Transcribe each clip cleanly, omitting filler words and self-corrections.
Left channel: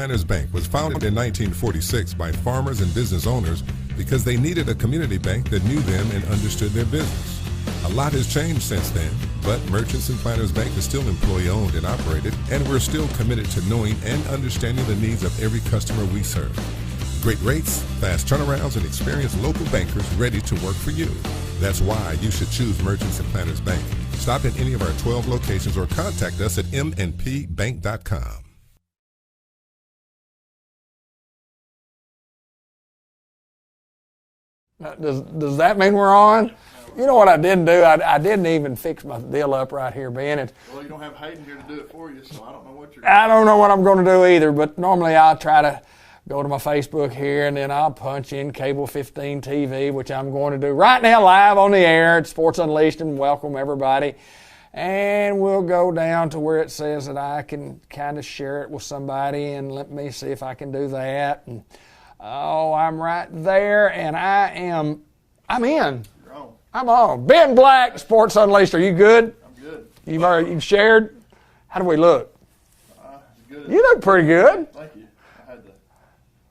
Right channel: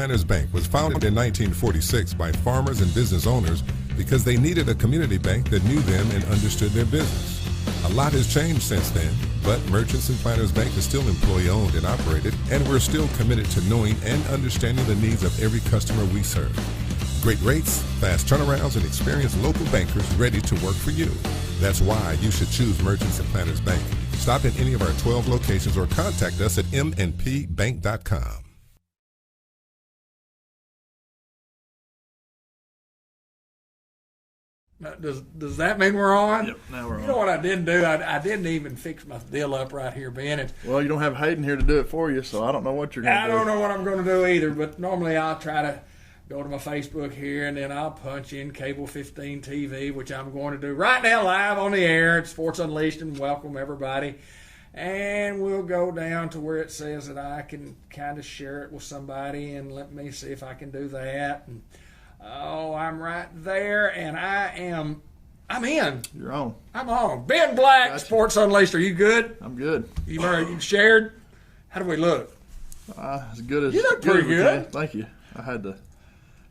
Planters Bank was founded in 1946 by farmers and business owners because they needed a community bank that knew them and understood their business. A lot has changed since then, but Merchants and Planters Bank is still employee-owned and operated, and we're still committed to knowing and understanding the needs of every customer we serve. Great rates, fast turnarounds, and experienced local bankers ready to work for you. That's why you should choose Merchants and Planters Bank. Stop in any of our 12 locations or contact us at mnpbank.com. Does that mean we're on? Yep, now we're you know what I didn't do? I didn't even fix my deal up right here, Ben. Well, you don't have Hayden here to do it for you, so I don't know what you're going to do. I don't know what I'm going to do either, but normally I'll try to go to my Facebook here, and then I'll punch in Cable 15 TV, which I'm going to do right now live on the air at Sports Unleashed, and welcome everybody. And we'll go down to where it says that I can kind of share it with somebody, and let me see if I can do that. And oh, I'm right there, and I'm in. You're on. I'm on. Ben Black, gotcha. Sports Unleashed. Are you good? I'm good. You've shared? How do we look? As good as you look pretty good. Thank you. I had to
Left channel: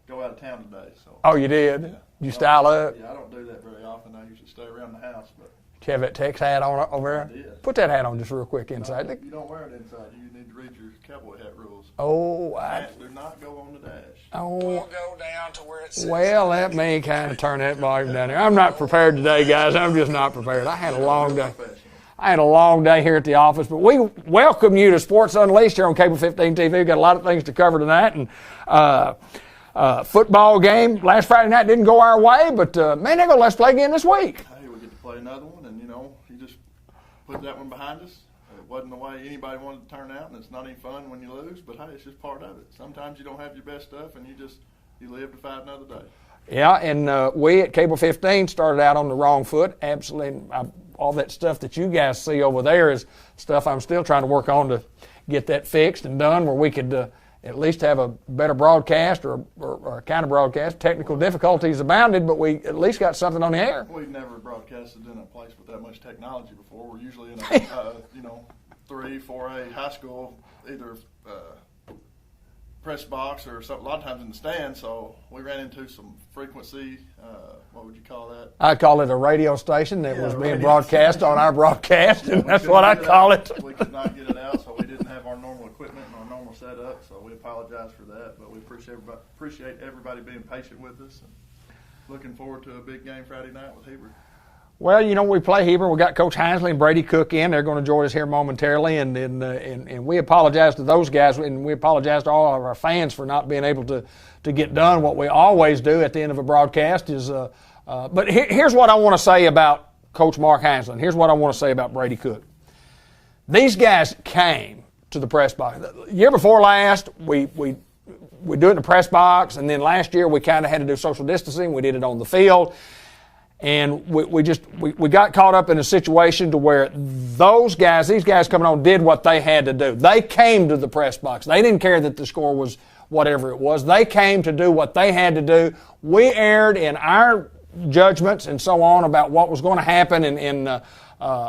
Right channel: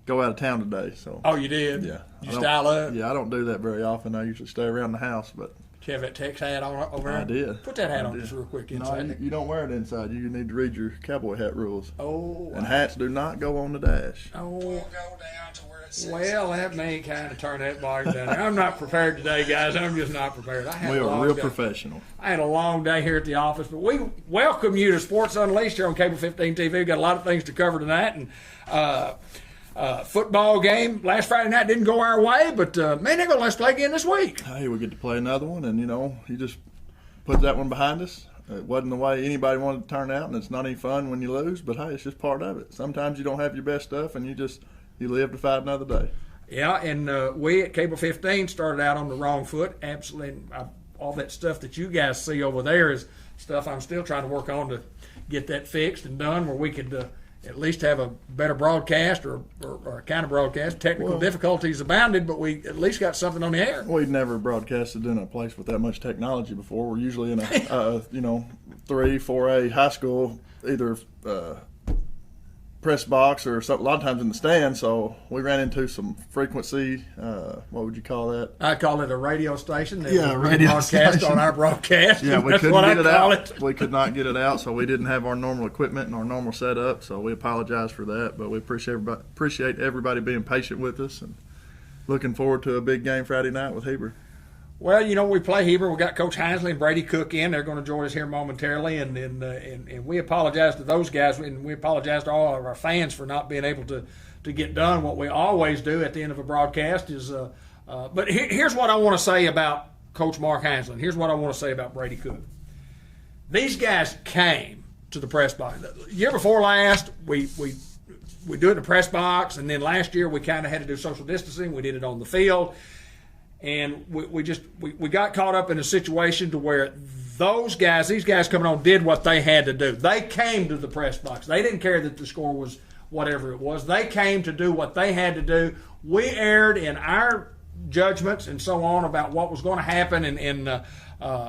go out of town today, so. Oh, you did? Yeah. You style up? Yeah, I don't do that very often. I usually stay around the house, but. Do you have that Tex hat on over there? I did. Put that hat on just real quick inside. No, you don't wear it inside. You need to read your cowboy hat rules. Oh. And hats do not go on the dash. Oh. We'll go down to where it says. Well, let me kind of turn that volume down there. I'm not prepared today, guys. I'm just not prepared. I had a long day. Professional. I had a long day here at the office, but we welcome you to Sports Unleashed here on Cable 15 TV. We've got a lot of things to cover tonight, and football game last Friday night didn't go our way, but man, they're going to let's play again this week. Hey, we get to play another one, and you just put that one behind us. It wasn't the way anybody wanted to turn out, and it's not any fun when you lose, but hey, it's just part of it. Sometimes you don't have your best stuff, and you live to fight another day. Yeah, and we at Cable 15 started out on the wrong foot. Absolutely, all that stuff that you guys see over there is stuff I'm still trying to work on to get that fixed and done, where we could at least have a better broadcast or a kind of broadcast. Technical difficulties abounded, but we at least got something on the air. We'd never broadcasted in a place with that much technology before. We're usually in a 3, 4A high school, either press box or something, a lot of times in the stand, so we ran into some frequency, what would you call that? I call it a radio station that was radio broadcast station. On our broadcast. Yeah, That's what I call it. We could not get it out, so we didn't have our normal equipment and our normal setup, so we apologize for that, but we appreciate everybody being patient with us, and looking forward to a big game Friday night with Heber. Well, we play Heber. We got Coach Hinsley and Brady Cook in. They're going to join us here momentarily, and we apologize to those guys, and we apologize to all of our fans for not being able to get done what we always do at the end of a broadcast. But here's what I want to say about Coach Mark Hinsley. Here's what I want to say about Brady Cook. These guys came to the press box. The year before last, we do it in the press box, and then last year we kind of had to do social distancing. We did it on the field. And we got caught up in a situation to where these guys coming on did what they had to do. They came to the press box. They didn't care that the score was whatever it was. They came to do what they had to do. We erred in our judgments and so on about what was going to happen.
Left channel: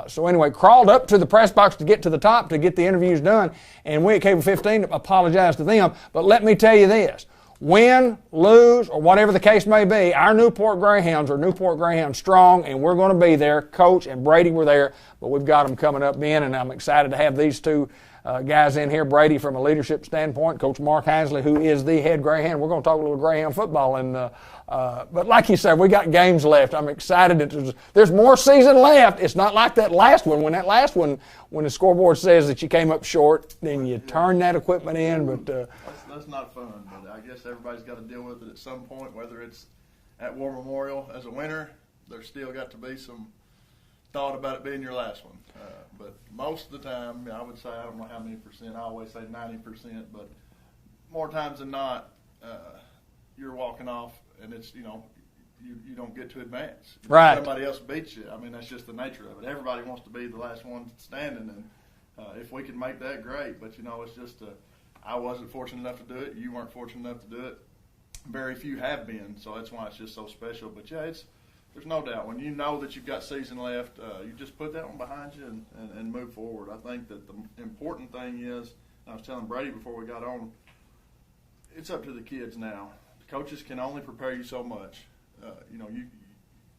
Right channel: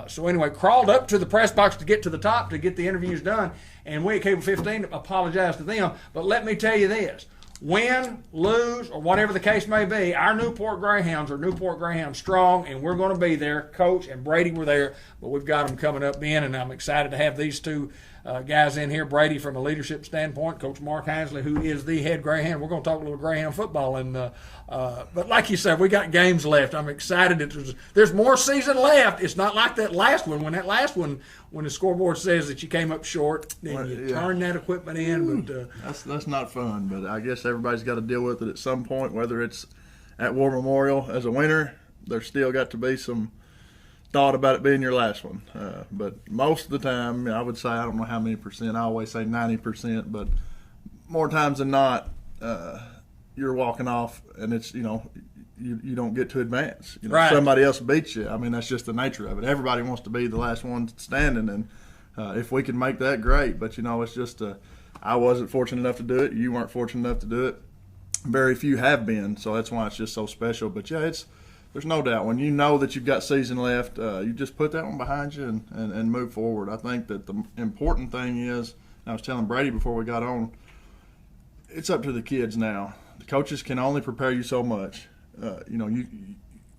So anyway, crawled up to the press box to get to the top to get the interviews done. And we at Cable 15 apologize to them. But let me tell you this. Win, lose, or whatever the case may be, our Newport Greyhounds are Newport Greyhounds strong, and we're going to be there. Coach and Brady were there, but we've got them coming up in, and I'm excited to have these two guys in here. Brady from a leadership standpoint, Coach Mark Hinsley, who is the head Greyhound. We're going to talk a little Greyhound football, but like you said, we got games left. I'm excited that there's more season left. It's not like that last one. When the scoreboard says that you came up short, then you turn that equipment in. But that's not fun. But I guess everybody's got to deal with it at some point. Whether it's at War Memorial as a winner, there's still got to be some thought about it being your last one. But most of the time, I would say, I don't know how many percent. I always say 90%, but more times than not, you're walking off, and it's you don't get to advance. Right. Somebody else beats you. I mean, that's just the nature of it. Everybody wants to be the last one standing, and if we can make that, great. But it's just I wasn't fortunate enough to do it. You weren't fortunate enough to do it. Very few have been, so that's why it's just so special. But yeah, there's no doubt when you know that you've got season left, you just put that one behind you and move forward. I think that the important thing is, I was telling Brady before we got on, it's up to the kids now. The coaches can only prepare you so much.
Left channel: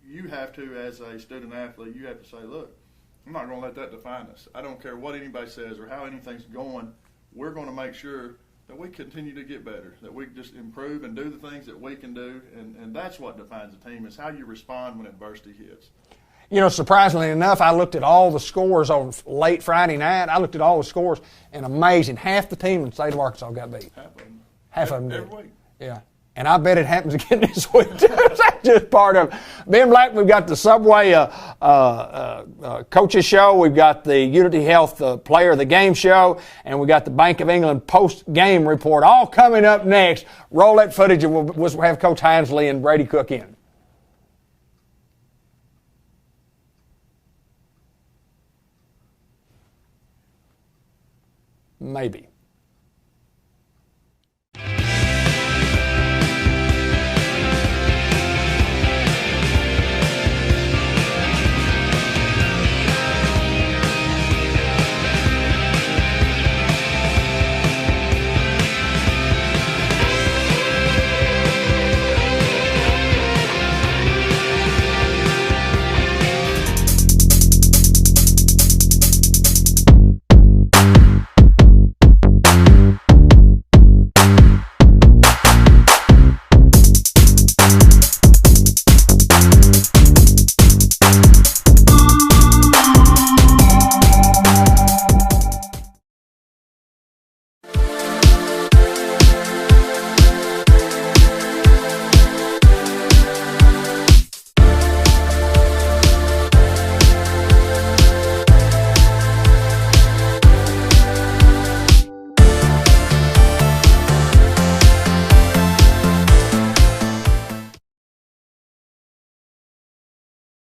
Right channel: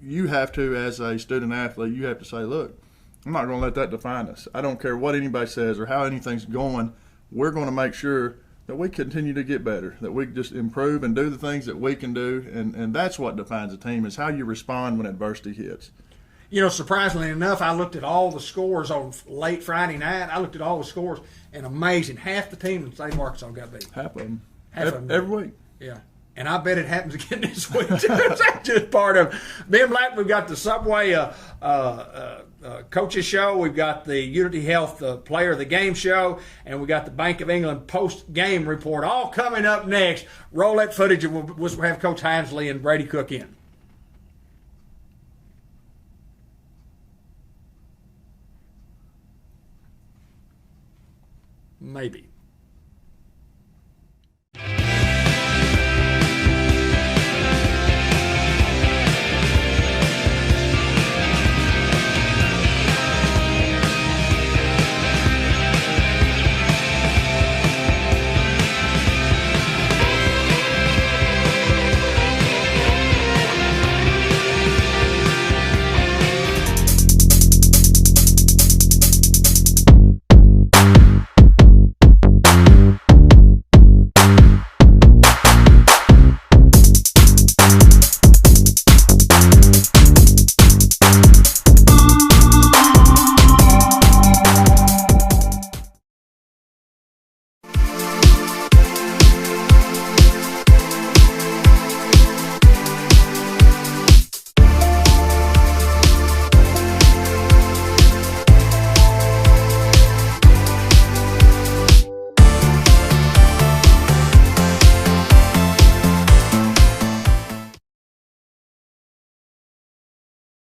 You have to, as a student athlete, you have to say, look, I'm not going to let that define us. I don't care what anybody says or how anything's going. We're going to make sure that we continue to get better, that we just improve and do the things that we can do, and that's what defines a team, is how you respond when adversity hits. Surprisingly enough, I looked at all the scores on late Friday night. I looked at all the scores, and amazing, half the team in the state of Arkansas got beat. Half of them. Half of them. Every week. Yeah. And I bet it happens again this week, too. That's just part of it. Ben Black, we've got the Subway Coaches Show. We've got the Unity Health Player of the Game Show. And we got the Bank of England post-game report all coming up next. Roll that footage, and we'll have Coach Hansley and Brady Cook in. Maybe.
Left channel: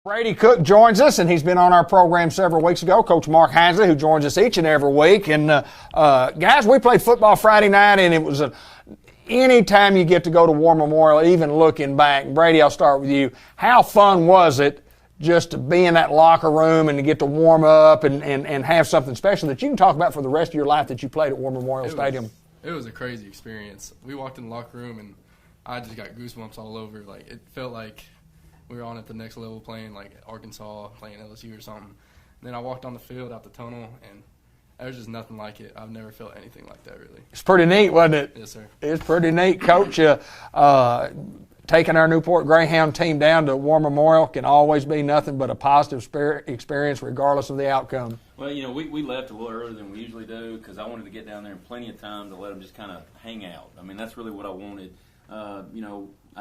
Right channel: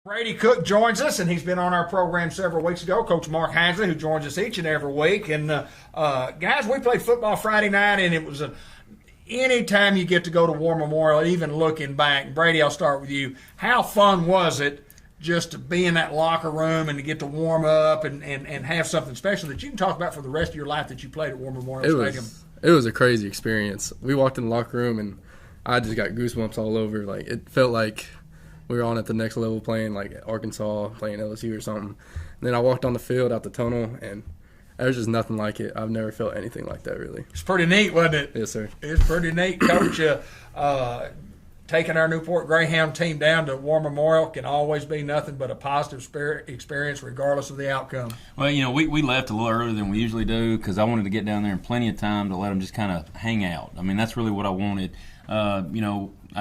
Brady Cook joins us, and he's been on our program several weeks ago. Coach Mark Hansley, who joins us each and every week. And, guys, we played football Friday night, and it was any time you get to go to War Memorial, even looking back. Brady, I'll start with you. How fun was it just to be in that locker room and to get to warm up and have something special that you can talk about for the rest of your life that you played at War Memorial Stadium? It was a crazy experience. We walked in the locker room, and I just got goosebumps all over. Like, it felt like we were on at the next level playing, like, Arkansas, playing LSU or something. And then I walked on the field out the tunnel, and there's just nothing like it. I've never felt anything like that, really. It's pretty neat, wasn't it? Yes, sir. It's pretty neat, Coach. Taking our Newport Greyhound team down to War Memorial can always be nothing but a positive experience regardless of the outcome. Well, we left a little earlier than we usually do because I wanted to get down there in plenty of time to let them just kind of hang out. I mean, that's really what I wanted. I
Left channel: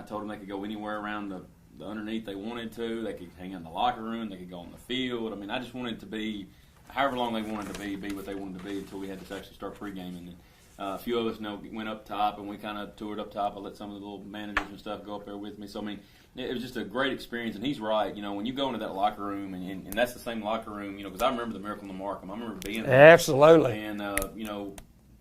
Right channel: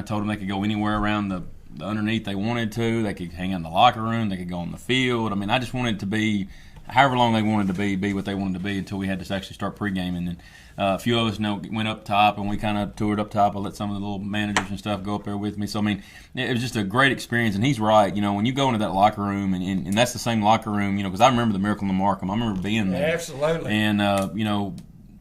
told them they could go anywhere around the underneath they wanted to. They could hang out in the locker room. They could go on the field. I mean, I just wanted it to be however long they wanted to be what they wanted to be until we had to actually start pregame. And then a few of us went up top, and we kind of toured up top. I let some of the little managers and stuff go up there with me. So, I mean, it was just a great experience. And he's right. When you go into that locker room, and that's the same locker room, because I remember the Miracle in the Markham. I remember being there. Absolutely. And,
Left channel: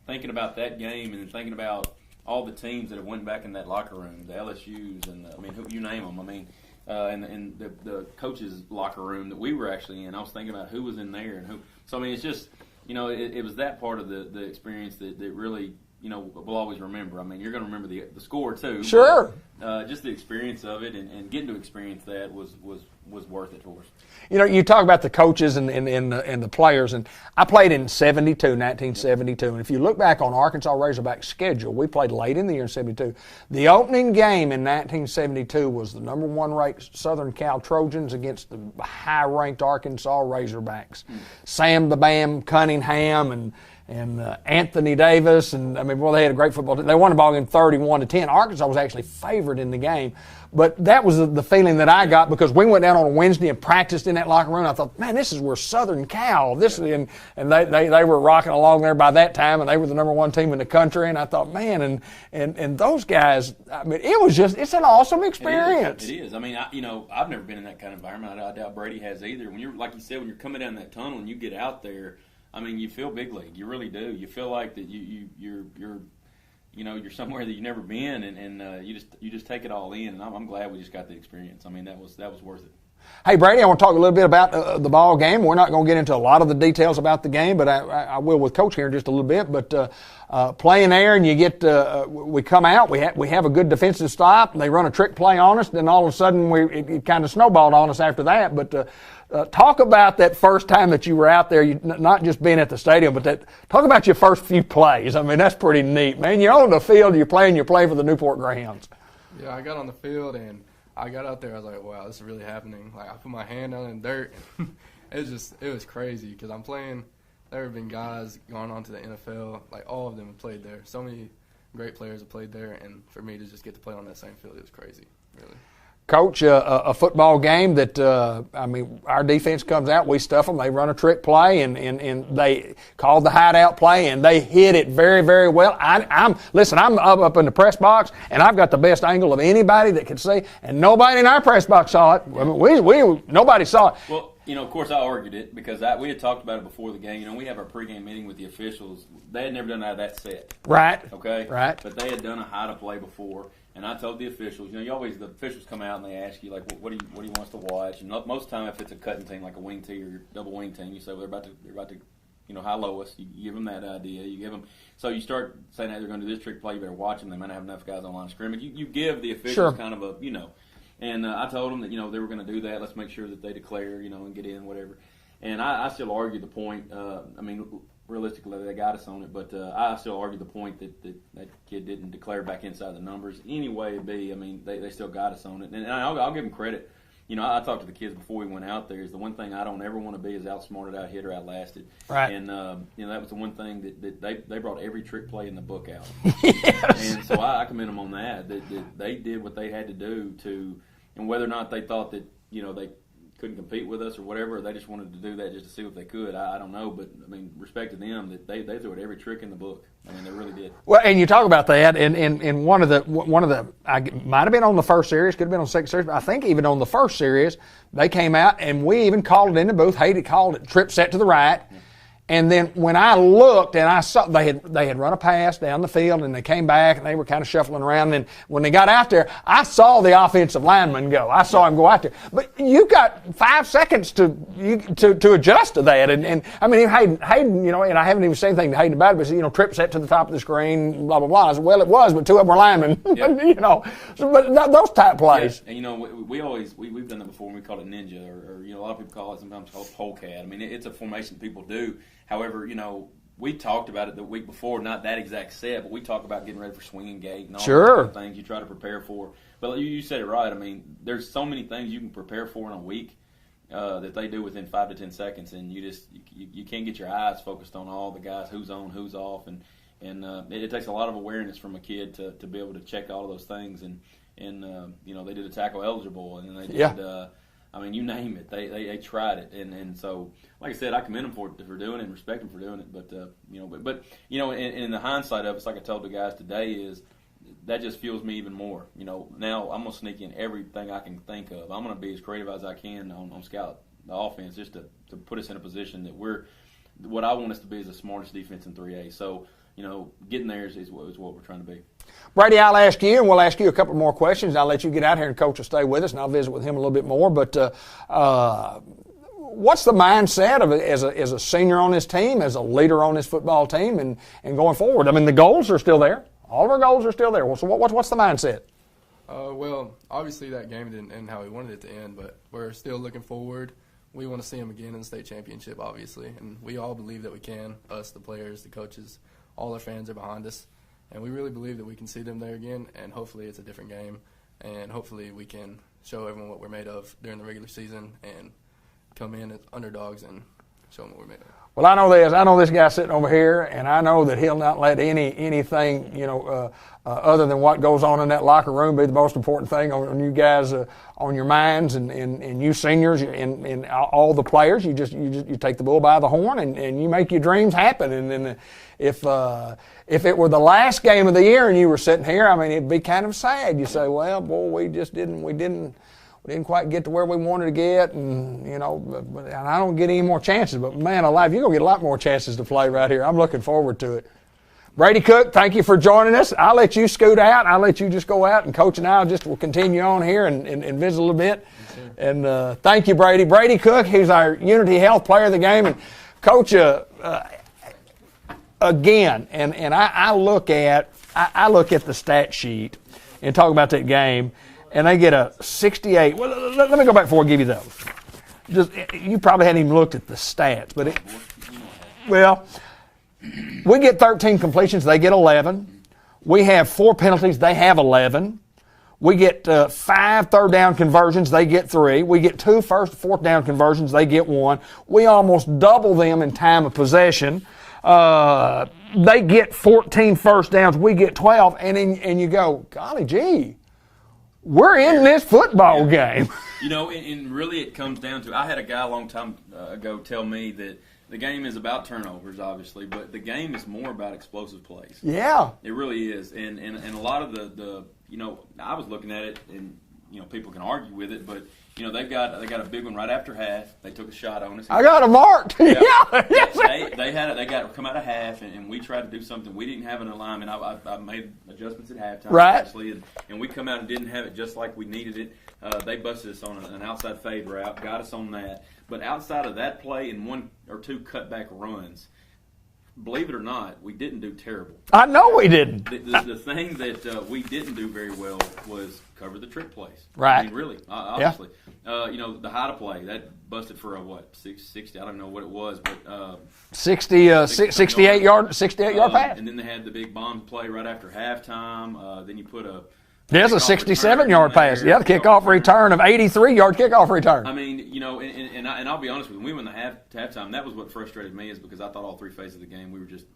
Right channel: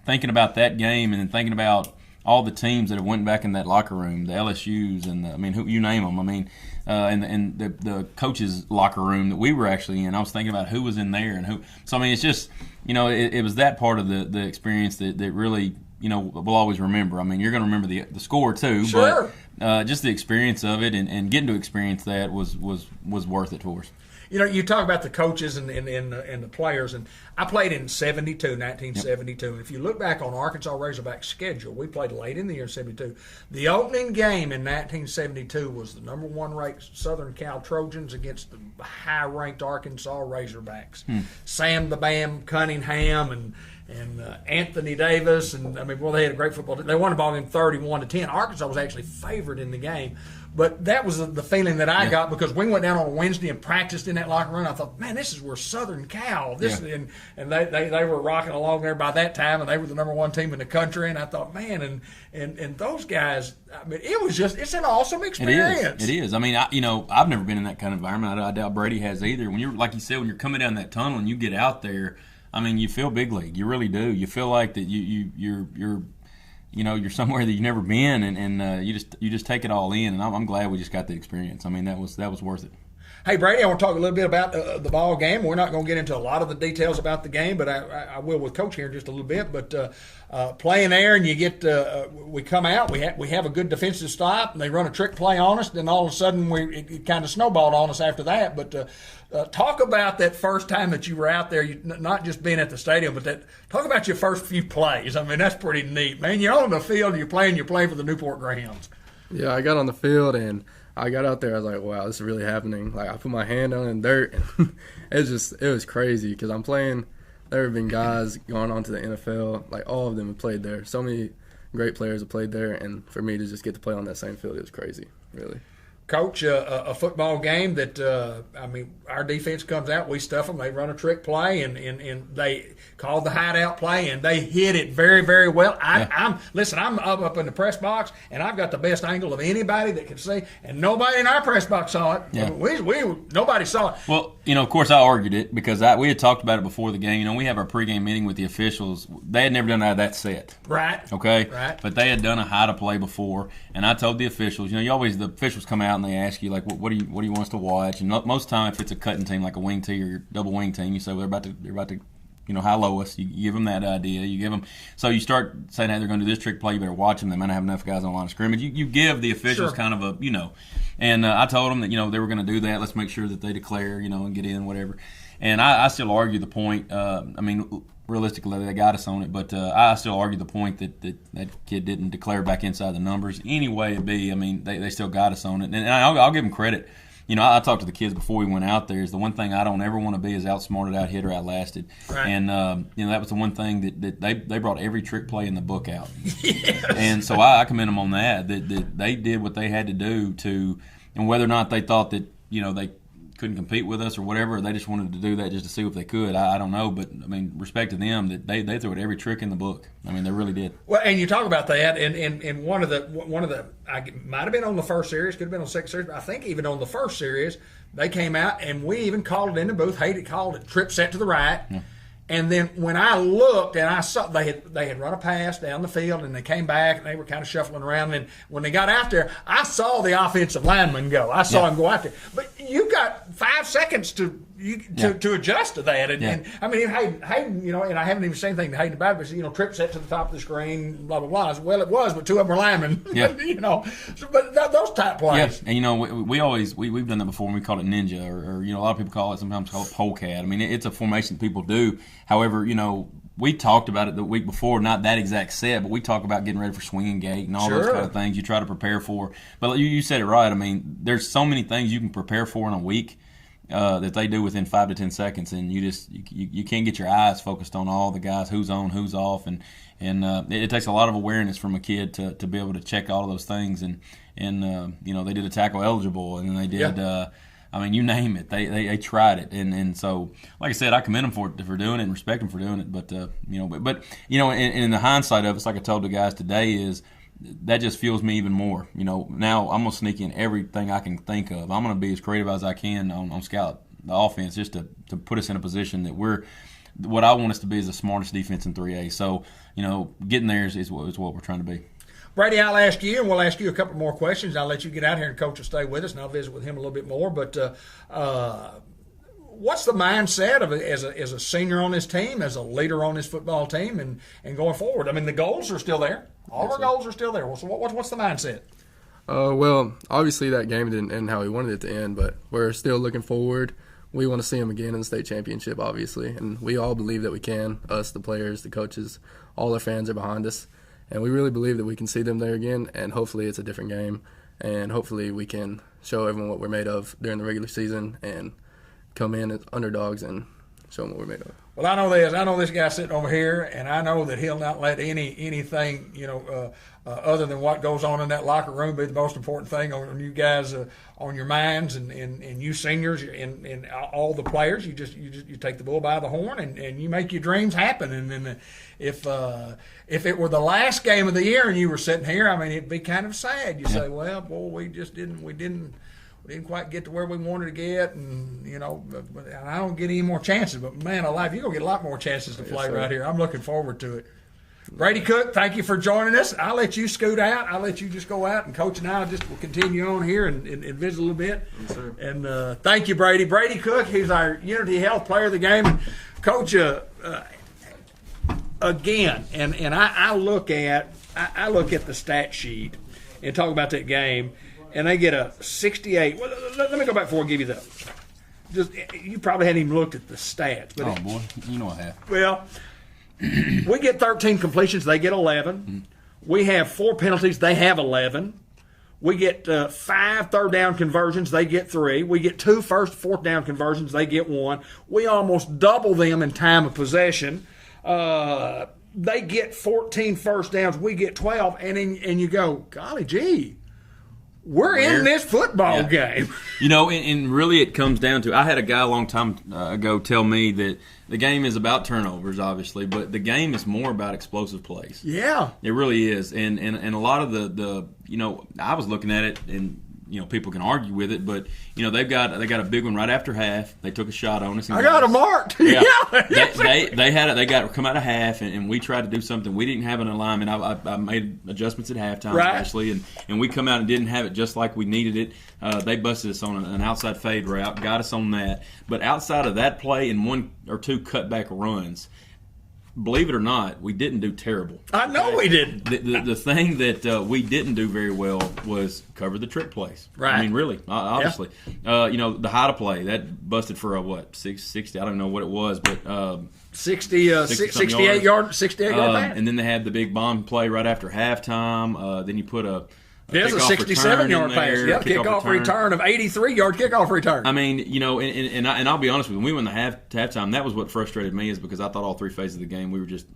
thinking about that game and then thinking about all the teams that have went back in that locker room, the LSUs and who you name them. I mean, and the coaches' locker room that we were actually in. I was thinking about who was in there and who. So I mean, it's just it was that part of the experience that really we'll always remember. I mean, you're going to remember the score too. Sure. But just the experience of it and getting to experience that was worth it for us. You talk about the coaches and the players, and I played in 1972, and if you look back on Arkansas Razorback's schedule, we played late in the year in 72. The opening game in 1972 was the number 1 ranked Southern Cal Trojans against the high-ranked Arkansas Razorbacks. Sam the Bam Cunningham and Anthony Davis, and they had a great football team. They won the ball game 31-10. Arkansas was actually favored in the game. But that was the feeling that I got because we went down on a Wednesday and practiced in that locker room. I thought, man, this is where Southern Cal. And they were rocking along there by that time, and they were the number 1 team in the country. And I thought, man, and those guys. I mean, it's an awesome experience. It is. I mean, I've never been in that kind of environment. I doubt Brady has either. When you're like you said, when you're coming down that tunnel and you get out there, I mean, you feel big league. You really do. You feel like that you're somewhere that you've never been, and you just take it all in. And I'm glad we just got the experience. I mean, that was worth it. Hey, Brady, I want to talk a little bit about the ball game. We're not going to get into a lot of the details about the game, but I will with Coach here in just a little bit. But playing there, and you get we come out, we have a good defensive stop, and they run a trick play on us, and then all of a sudden it kind of snowballed on us after that. But talk about that first time that you were out there, not just being at the stadium, but talk about your first few plays. I mean, that's pretty neat, man. You're on the field, you're playing for the Newport Greyhounds. Yeah, I got on the field, and I got out there, I was like, wow, this is really happening. Like, I put my hand on the dirt, and it was crazy because I'm playing. There have been guys going on to the NFL, like all of them have played there. So many great players have played there, and for me to just get to play on that same field, it was crazy, really. Coach, a football game that, our defense comes out, we stuff them, they run a trick play, and they called the hideout play, and they hit it very, very well. I'm up in the press box, and I've got the best angle of anybody that can see, and nobody in our press box saw it. Yeah. Nobody saw it. Well, of course, I argued it because we had talked about it before the game. We have our pregame meeting with the officials. They had never done that set. Right. Okay? Right. But they had done a hide to play before, and I told the officials, the officials come out and they ask you, like, what do you want us to watch? And most of the time, if it's a cutting team, like a wing tee or double wing team, you say, well, they're about to high-low us. You give them that idea. You give them, so you start saying, hey, they're going to do this trick play. You better watch them. They might not have enough guys on the line of scrimmage. You give the officials kind of a, And I told them that, they were going to do that. Let's make sure that they declare, and get in, whatever. And I still argue the point. Realistically, they got us on it. But I still argue the point that kid didn't declare back inside the numbers. Any way it be, they still got us on it. And I'll give them credit. I talked to the kids before we went out there. Is the one thing I don't ever want to be is outsmarted, out-hit, or outlasted. Right. And that was the one thing that they brought every trick play in the book out. Yes. And so I commend them on that they did what they had to do to, and whether or not they thought that they couldn't compete with us or whatever, or they just wanted to do that just to see if they could. I don't know, but respect to them that they threw at every trick in the book. They really did. Well, and you talk about that, and one of the I might have been on the first series, could have been on the second series, but I think even on the first series, they came out and we even called it in the booth. Hayden called it trip set to the right. Yeah. And then when I looked and I saw they had run a pass down the field and they came back and they were kind of shuffling around. And when they got out there, I saw the offensive lineman go. I saw him go out there. But you got 5 seconds to adjust to that. And Hayden, and I haven't even said anything to Hayden about it, but trip set to the top of the screen, blah blah blah. I said, well, it was, but 2 of them were linemen. Yeah. But those type plays. Yeah. And we've done that before. And we call it ninja, or a lot of people call it sometimes polecat. It's a formation people do. However, we talked about it the week before, not that exact set, but we talk about getting ready for swinging gate and all those kind of things you try to prepare for. But you said it right. There's so many things you can prepare for in a week that they do within 5 to 10 seconds, and you can't get your eyes focused on all the guys, who's on, who's off, and it takes a lot of awareness from a kid to be able to check all of those things. And they did a tackle eligible, and then they did. Yeah. You name it. They tried it, and so, like I said, I commend them for doing it and respect them for doing it. But in the hindsight of it, it's like I told the guys today, is that just fuels me even more. Now I'm gonna sneak in everything I can think of. I'm gonna be as creative as I can on scout the offense, just to put us in a position that we're what I want us to be is the smartest defense in 3A. So getting there is what we're trying to be. Brady, I'll ask you, and we'll ask you a couple more questions. I'll let you get out here, and Coach will stay with us, and I'll visit with him a little bit more. But what's the mindset of as a senior on this team, as a leader on this football team, and going forward? The goals are still there. All of our goals are still there. So what's the mindset? Well, obviously that game didn't end how we wanted it to end, but we're still looking forward. We want to see them again in the state championship, obviously, and we all believe that we can. Us, the players, the coaches, all our fans are behind us. And we really believe that we can see them there again, and hopefully it's a different game, and hopefully we can show everyone what we're made of during the regular season and come in as underdogs and show them what we're made of. Well, I know this guy sitting over here, and I know that he'll not let anything, other than what goes on in that locker room be the most important thing on you guys, on your minds, and you seniors and all the players. You take the bull by the horn and you make your dreams happen. And then if it were the last game of the year and you were sitting here, it'd be kind of sad. You say, well, boy, we didn't quite get to where we wanted to get, and I don't get any more chances. But man alive, you're gonna get a lot more chances to play right here. I'm looking forward to it. Brady Cook, thank you for joining us. I'll let you scoot out. I'll let you just go out, and Coach and I will continue on here and visit a little bit. Yes, sir. And thank you, Brady. Brady Cook, he's our Unity Health Player of the Game. And Coach, again, and I look at the stat sheet and talk about that game, and they get a 68. Well, let me go back before I give you those. You probably hadn't even looked at the stats, but boy, you know I have. Well, we get 13 completions, they get 11. We have 4 penalties, they have 11. We get 5 third down conversions, they get 3. We get 2 first, fourth down conversions, they get 1. We almost double them in time of possession. They get 14 first downs, we get 12, and you go, golly gee, we're in this football game. You know, and really it comes down to, I had a guy a long time ago tell me that the game is about turnovers, obviously, but the game is more about explosive plays. Yeah. It really is. And a lot of the you know, I was looking at it, and, you know, people can argue with it, but, you know, they got a big one right after half. They took a shot on us. I got them marked. Yeah. Yeah. They got come out of half, and we tried to do something. We didn't have an alignment. I made adjustments at halftime, right, actually, and we come out and didn't have it just like we needed it. They busted us on an outside fade route, got us on that. But outside of that play and 1 or 2 cutback runs, believe it or not, we didn't do terrible. I know we didn't. The thing that we didn't do very well was cover the trick plays. Right. I mean, really, obviously. Yeah. You know, the how to play, that busted for a, 60, I don't know what it was, but 68 yard pass. And then they had the big bomb play right after halftime. Then you put a there's a 67-yard pass. Yeah, the kickoff return of 83-yard kickoff return. I mean, you know, and I'll be honest with you, when we went to halftime, that was what frustrated me, is because I thought all 3 phases of the game we were just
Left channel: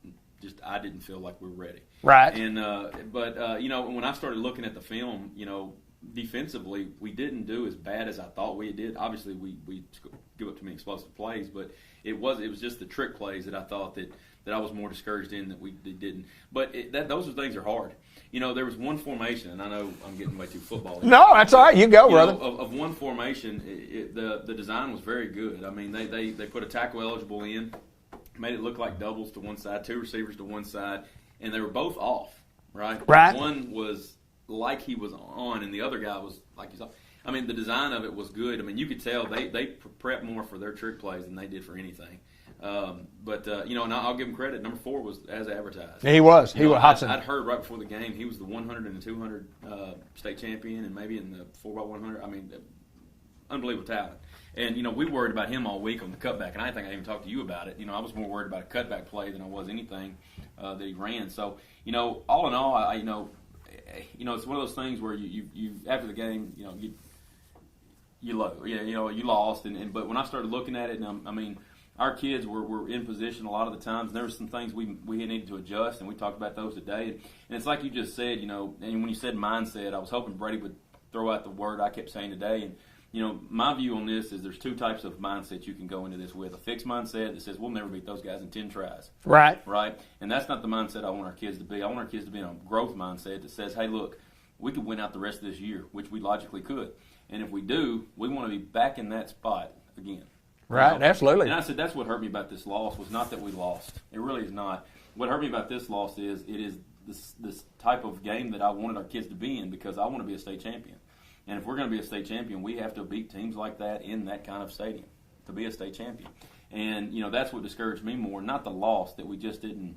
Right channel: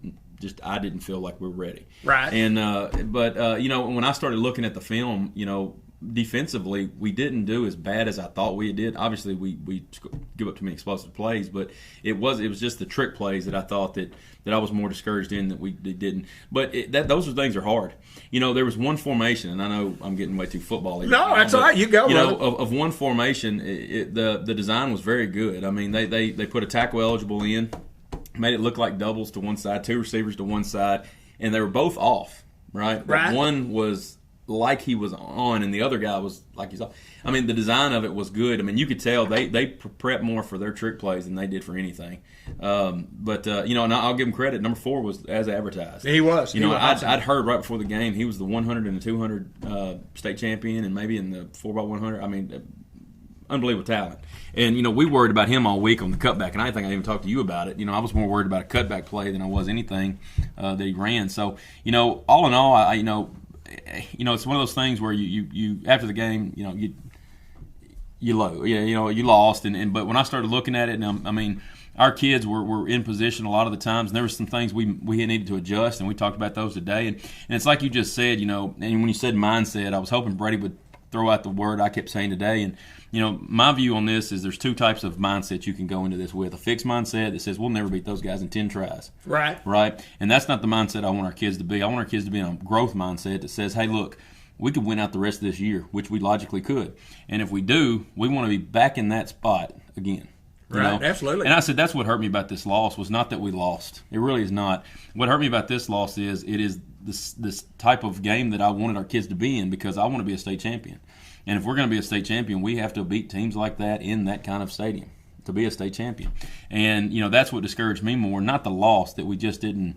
I didn't feel like we were ready. Right. And but you know, when I started looking at the film, you know, defensively we didn't do as bad as I thought we did. Obviously, we give up too many explosive plays, but it was just the trick plays that I thought that I was more discouraged in that we didn't. But those things are hard. You know, there was one formation, and I know I'm getting way too football. No, that's all right. You go, brother. Of one formation, the design was very good. I mean, they put a tackle eligible in, made it look like doubles to one side, 2 receivers to one side, and they were both off, right? Right. One was like he was on, and the other guy was like he's off. I mean, the design of it was good. I mean, you could tell they prepped more for their trick plays than they did for anything. But you know, and I'll give him credit. Number 4 was as advertised. He was. You know, I'd heard right before the game he was the 100 and the 200 state champion, and maybe in the 4x100. I mean, unbelievable talent. And you know, we worried about him all week on the cutback, and I think I even talked to you about it. You know, I was more worried about a cutback play than I was anything that he ran. So you know, all in all, you know, it's one of those things where you after the game, you know, you lost, and but when I started looking at it, and I mean, our kids were in position a lot of the times, and there were some things we needed to adjust, and we talked about those today. And it's like you just said, you know, and when you said mindset, I was hoping Brady would throw out the word I kept saying today. And you know, my view on this is there's 2 types of mindset you can go into this with: a fixed mindset that says we'll never beat those guys in 10 tries. Right. And that's not the mindset I want our kids to be. I want our kids to be in a growth mindset that says, hey, look, we could win out the rest of this year, which we logically could. And if we do, we want to be back in that spot again. Right, you know? absolutely. And I said that's what hurt me about this loss was not that we lost. It really is not. What hurt me about this loss is it is this type of game that I wanted our kids to be in, because I want to be a state champion. And if we're going to be a state champion, we have to beat teams like that in that kind of stadium to be a state champion. And, you know, that's what discouraged me more, not the loss, that we just didn't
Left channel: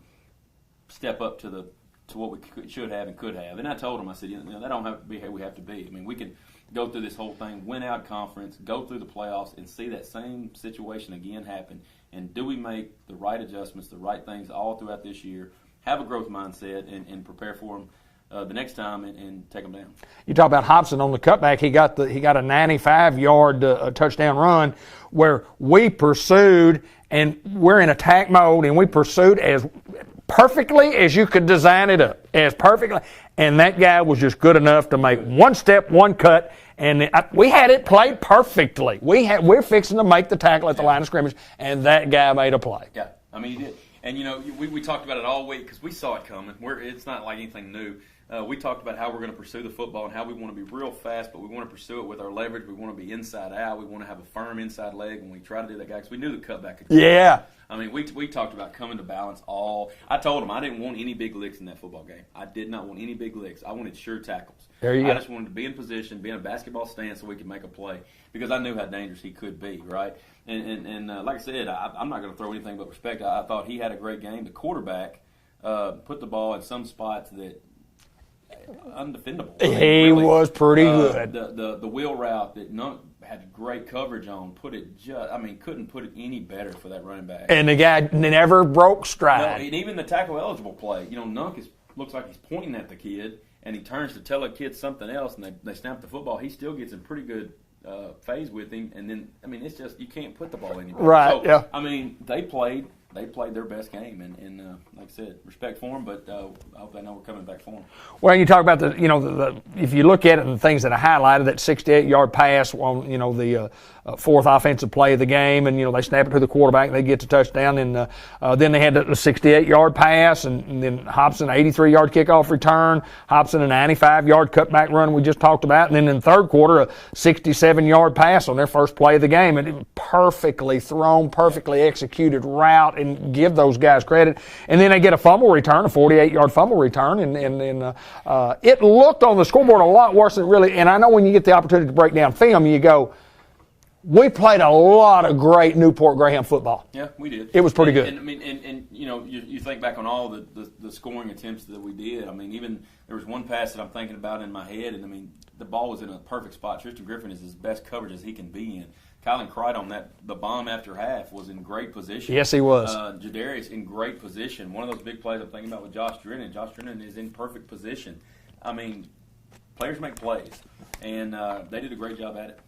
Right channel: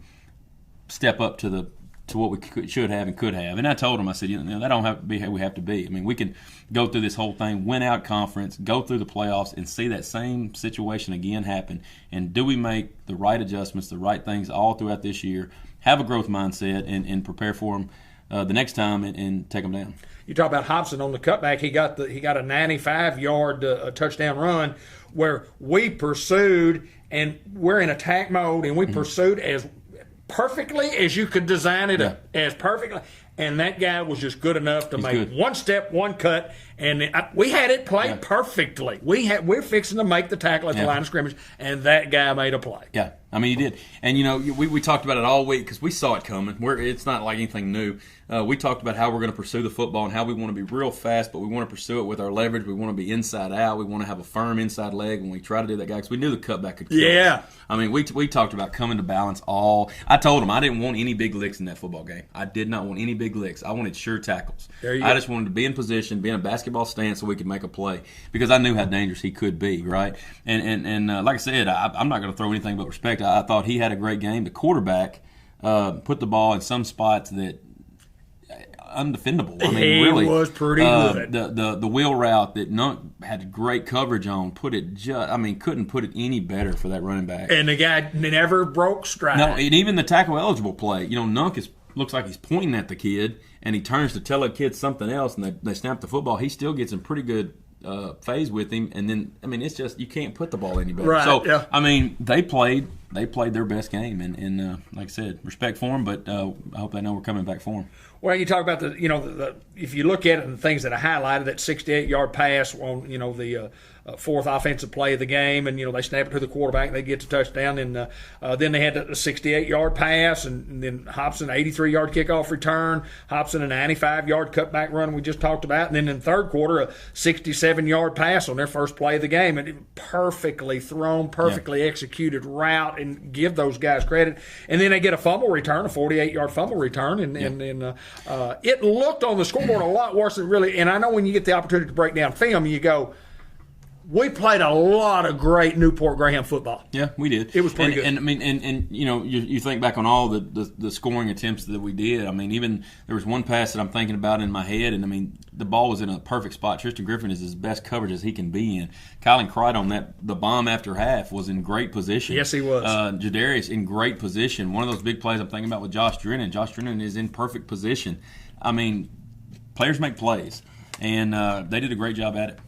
step up to what we should have and could have. And I told them, I said, you know, that don't have to be how we have to be. I mean, we can go through this whole thing, win out conference, go through the playoffs, and see that same situation again happen. And do we make the right adjustments, the right things all throughout this year, have a growth mindset, and prepare for them the next time and take them down? You talk about Hobson on the cutback. He got a 95-yard touchdown run where we pursued, and we're in attack mode, and we pursued as perfectly as you could design it up, as perfectly. And that guy was just good enough to make one step, one cut, and we had it played perfectly. We're fixing to make the tackle at the line of scrimmage, and that guy made a play. Yeah, I mean, he did. And, you know, we talked about it all week because we saw it coming. It's not like anything new. we talked about how we're going to pursue the football and how we want to be real fast, but we want to pursue it with our leverage. We want to be inside out. We want to have a firm inside leg when we try to do that, guy, because we knew the cutback could come. Yeah. I mean, we talked about coming to balance all. I told him I didn't want any big licks in that football game. I did not want any big licks. I wanted sure tackles. There you I go. just wanted to be in position, be in a basketball stance so we could make a play, because I knew how dangerous he could be, right? And like I said, I'm not going to throw anything but respect. I thought he had a great game. The quarterback put the ball in some spots that undefendable. I mean, He really, was pretty good. The wheel route that Nunk had great coverage on, couldn't put it any better for that running back. And the guy never broke stride. No, and even the tackle eligible play, Nunk looks like he's pointing at the kid, and he turns to tell the kid something else, and they snap the football. He still gets in pretty good phase with him, and then it's just you can't put the ball any better. Right, So yeah. they played their best game, and like I said, respect for them, but I hope they know we're coming back for them. Well, you talk about the if you look at it and the things that I highlighted, that 68-yard pass on the fourth offensive play of the game, and they snap it to the quarterback, they get the touchdown, and then they had the 68-yard pass, and then Hobson 83-yard kickoff return, Hobson a 95-yard cutback run we just talked about, and then in the third quarter a 67-yard pass on their first play of the game, and it perfectly thrown, perfectly executed route, and give those guys credit. And then they get a fumble return, a 48-yard fumble return, and it looked on the scoreboard a lot worse than it really. And I know when you get the opportunity to break down film, you go, we played a lot of great Newport Greyhound football. Yeah, we did. It was pretty good. And you think back on all the scoring attempts that we did. Even there was one pass that I'm thinking about in my head, and the ball was in a perfect spot. Tristan Griffin is as best coverage as he can be in. Kylan Crichton, the bomb after half, was in great position. Yes, he was. Jadarius in great position. One of those big plays I'm thinking about with Josh Drennan. Josh Drennan is in perfect position. Players make plays, and they did a great job at it.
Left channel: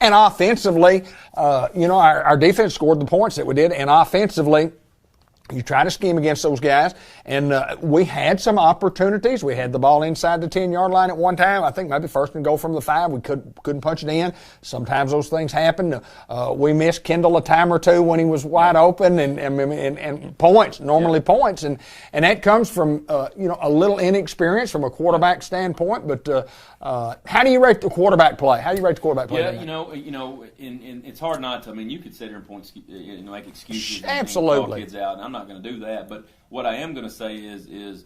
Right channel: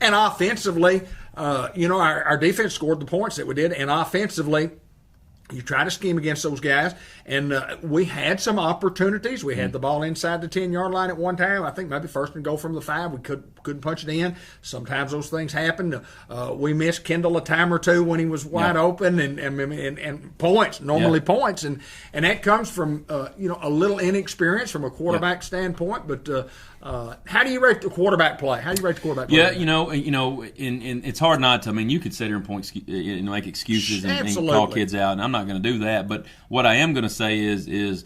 And offensively, our defense scored the points that we did. And offensively, you try to scheme against those guys. And we had some opportunities. We had the ball inside the 10-yard line at one time. I think maybe first and goal from the 5. We couldn't punch it in. Sometimes those things happen. We missed Kendall a time or two when he was wide open, and points, points. And that comes from, a little inexperience from a quarterback standpoint. But how do you rate the quarterback play? Yeah, and it's hard not to. You could sit here and make excuses and call kids out, and I'm not going to do that. But what I am going to say is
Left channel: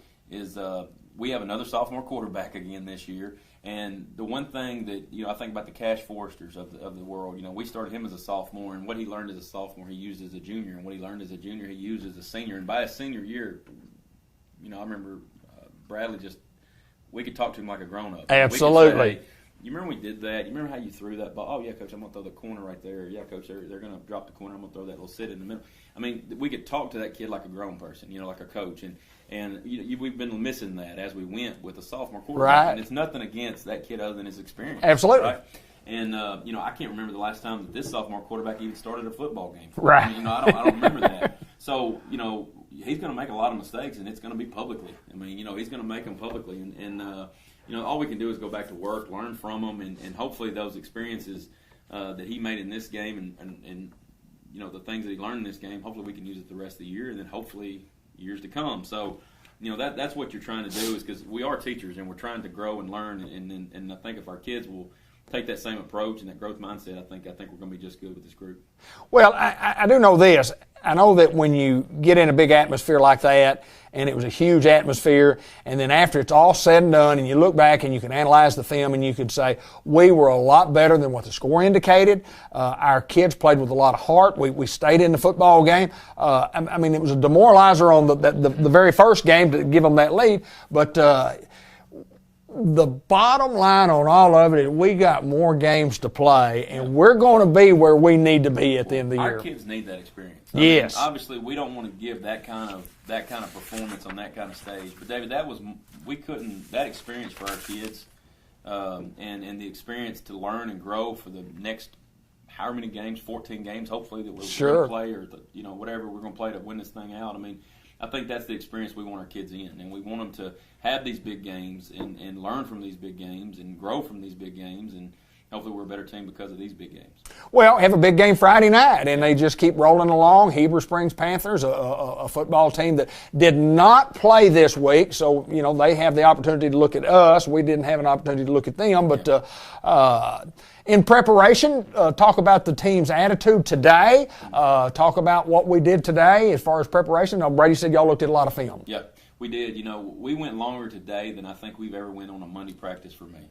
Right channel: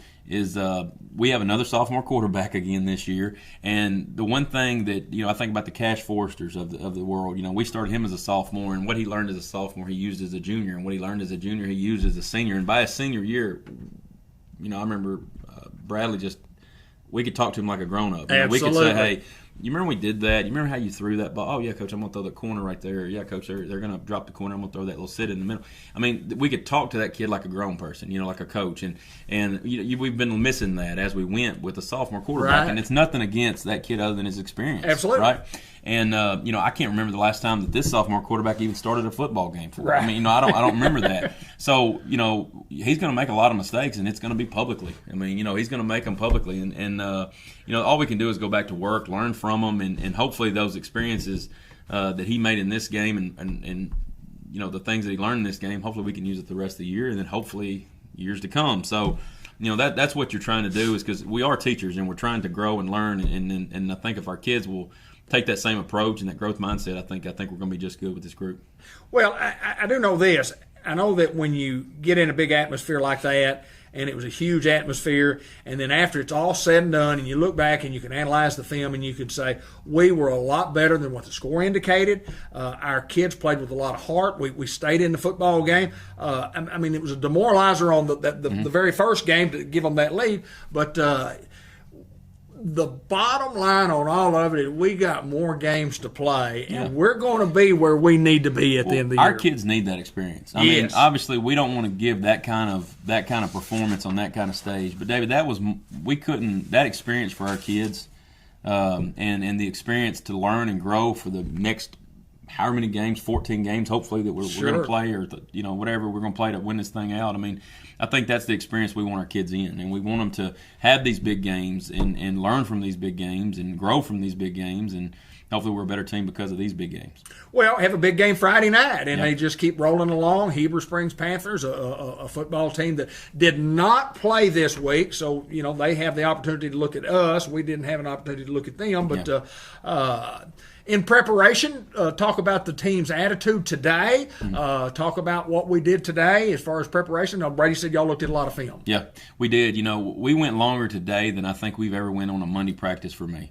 we have another sophomore quarterback again this year, and the one thing that I think about the Cash Forresters of the world. We started him as a sophomore, and what he learned as a sophomore he used as a junior, and what he learned as a junior he used as a senior. And by his senior year, I remember Bradley we could talk to him like a grown-up. Absolutely. We could say, hey, you remember we did that? You remember how you threw that ball? Oh, yeah, Coach, I'm going to throw the corner right there. Yeah, Coach, they're going to drop the corner. I'm going to throw that little sit in the middle. We could talk to that kid like a grown person, like a coach. And we've been missing that as we went with a sophomore quarterback. Right. And it's nothing against that kid other than his experience. Absolutely. Right? And, I can't remember the last time that this sophomore quarterback even started a football game for right. I don't remember that. So, he's going to make a lot of mistakes, and it's going to be publicly. He's going to make them publicly. And all we can do is go back to work, learn from them, and hopefully those experiences that he made in this game and the things that he learned in this game, hopefully we can use it the rest of the year and then hopefully years to come. So, that's what you're trying to do, is because we are teachers and we're trying to grow and learn. And I think if our kids will take that same approach and that growth mindset, I think we're going to be just good with this group. Well, I do know this. I know that when you get in a big atmosphere like that, and it was a huge atmosphere, and then after it's all said and done, and you look back and you can analyze the film and you can say, we were a lot better than what the score indicated. Our kids played with a lot of heart. We stayed in the football game. It was a demoralizer on the very first game to give them that lead, but the bottom line on all of it is we got more games to play, and we're going to be where we need to be at the end of the year. Our kids need that experience. Yes. Obviously, we don't want to give that kind of performance on that kind of stage. But David, that experience for our kids, and the experience to learn and grow for the next however many games, 14 games, hopefully that we're going to play, or whatever we're going to play to win this thing out. I think that's the experience we want our kids in, and we want them to have these big games and learn from these big games and grow from these big games. And hopefully we're a better team because of these big games. Well, have a big game Friday night, and they just keep rolling along. Heber Springs Panthers, a football team that did not play this week, so they have the opportunity to look at us. We didn't have an opportunity to look at them, but in preparation, talk about the team's attitude today. Talk about what we did today as far as preparation. Brady said y'all looked at a lot of film. Yeah, we did. We went longer today than I think we've ever went on a Monday practice for me.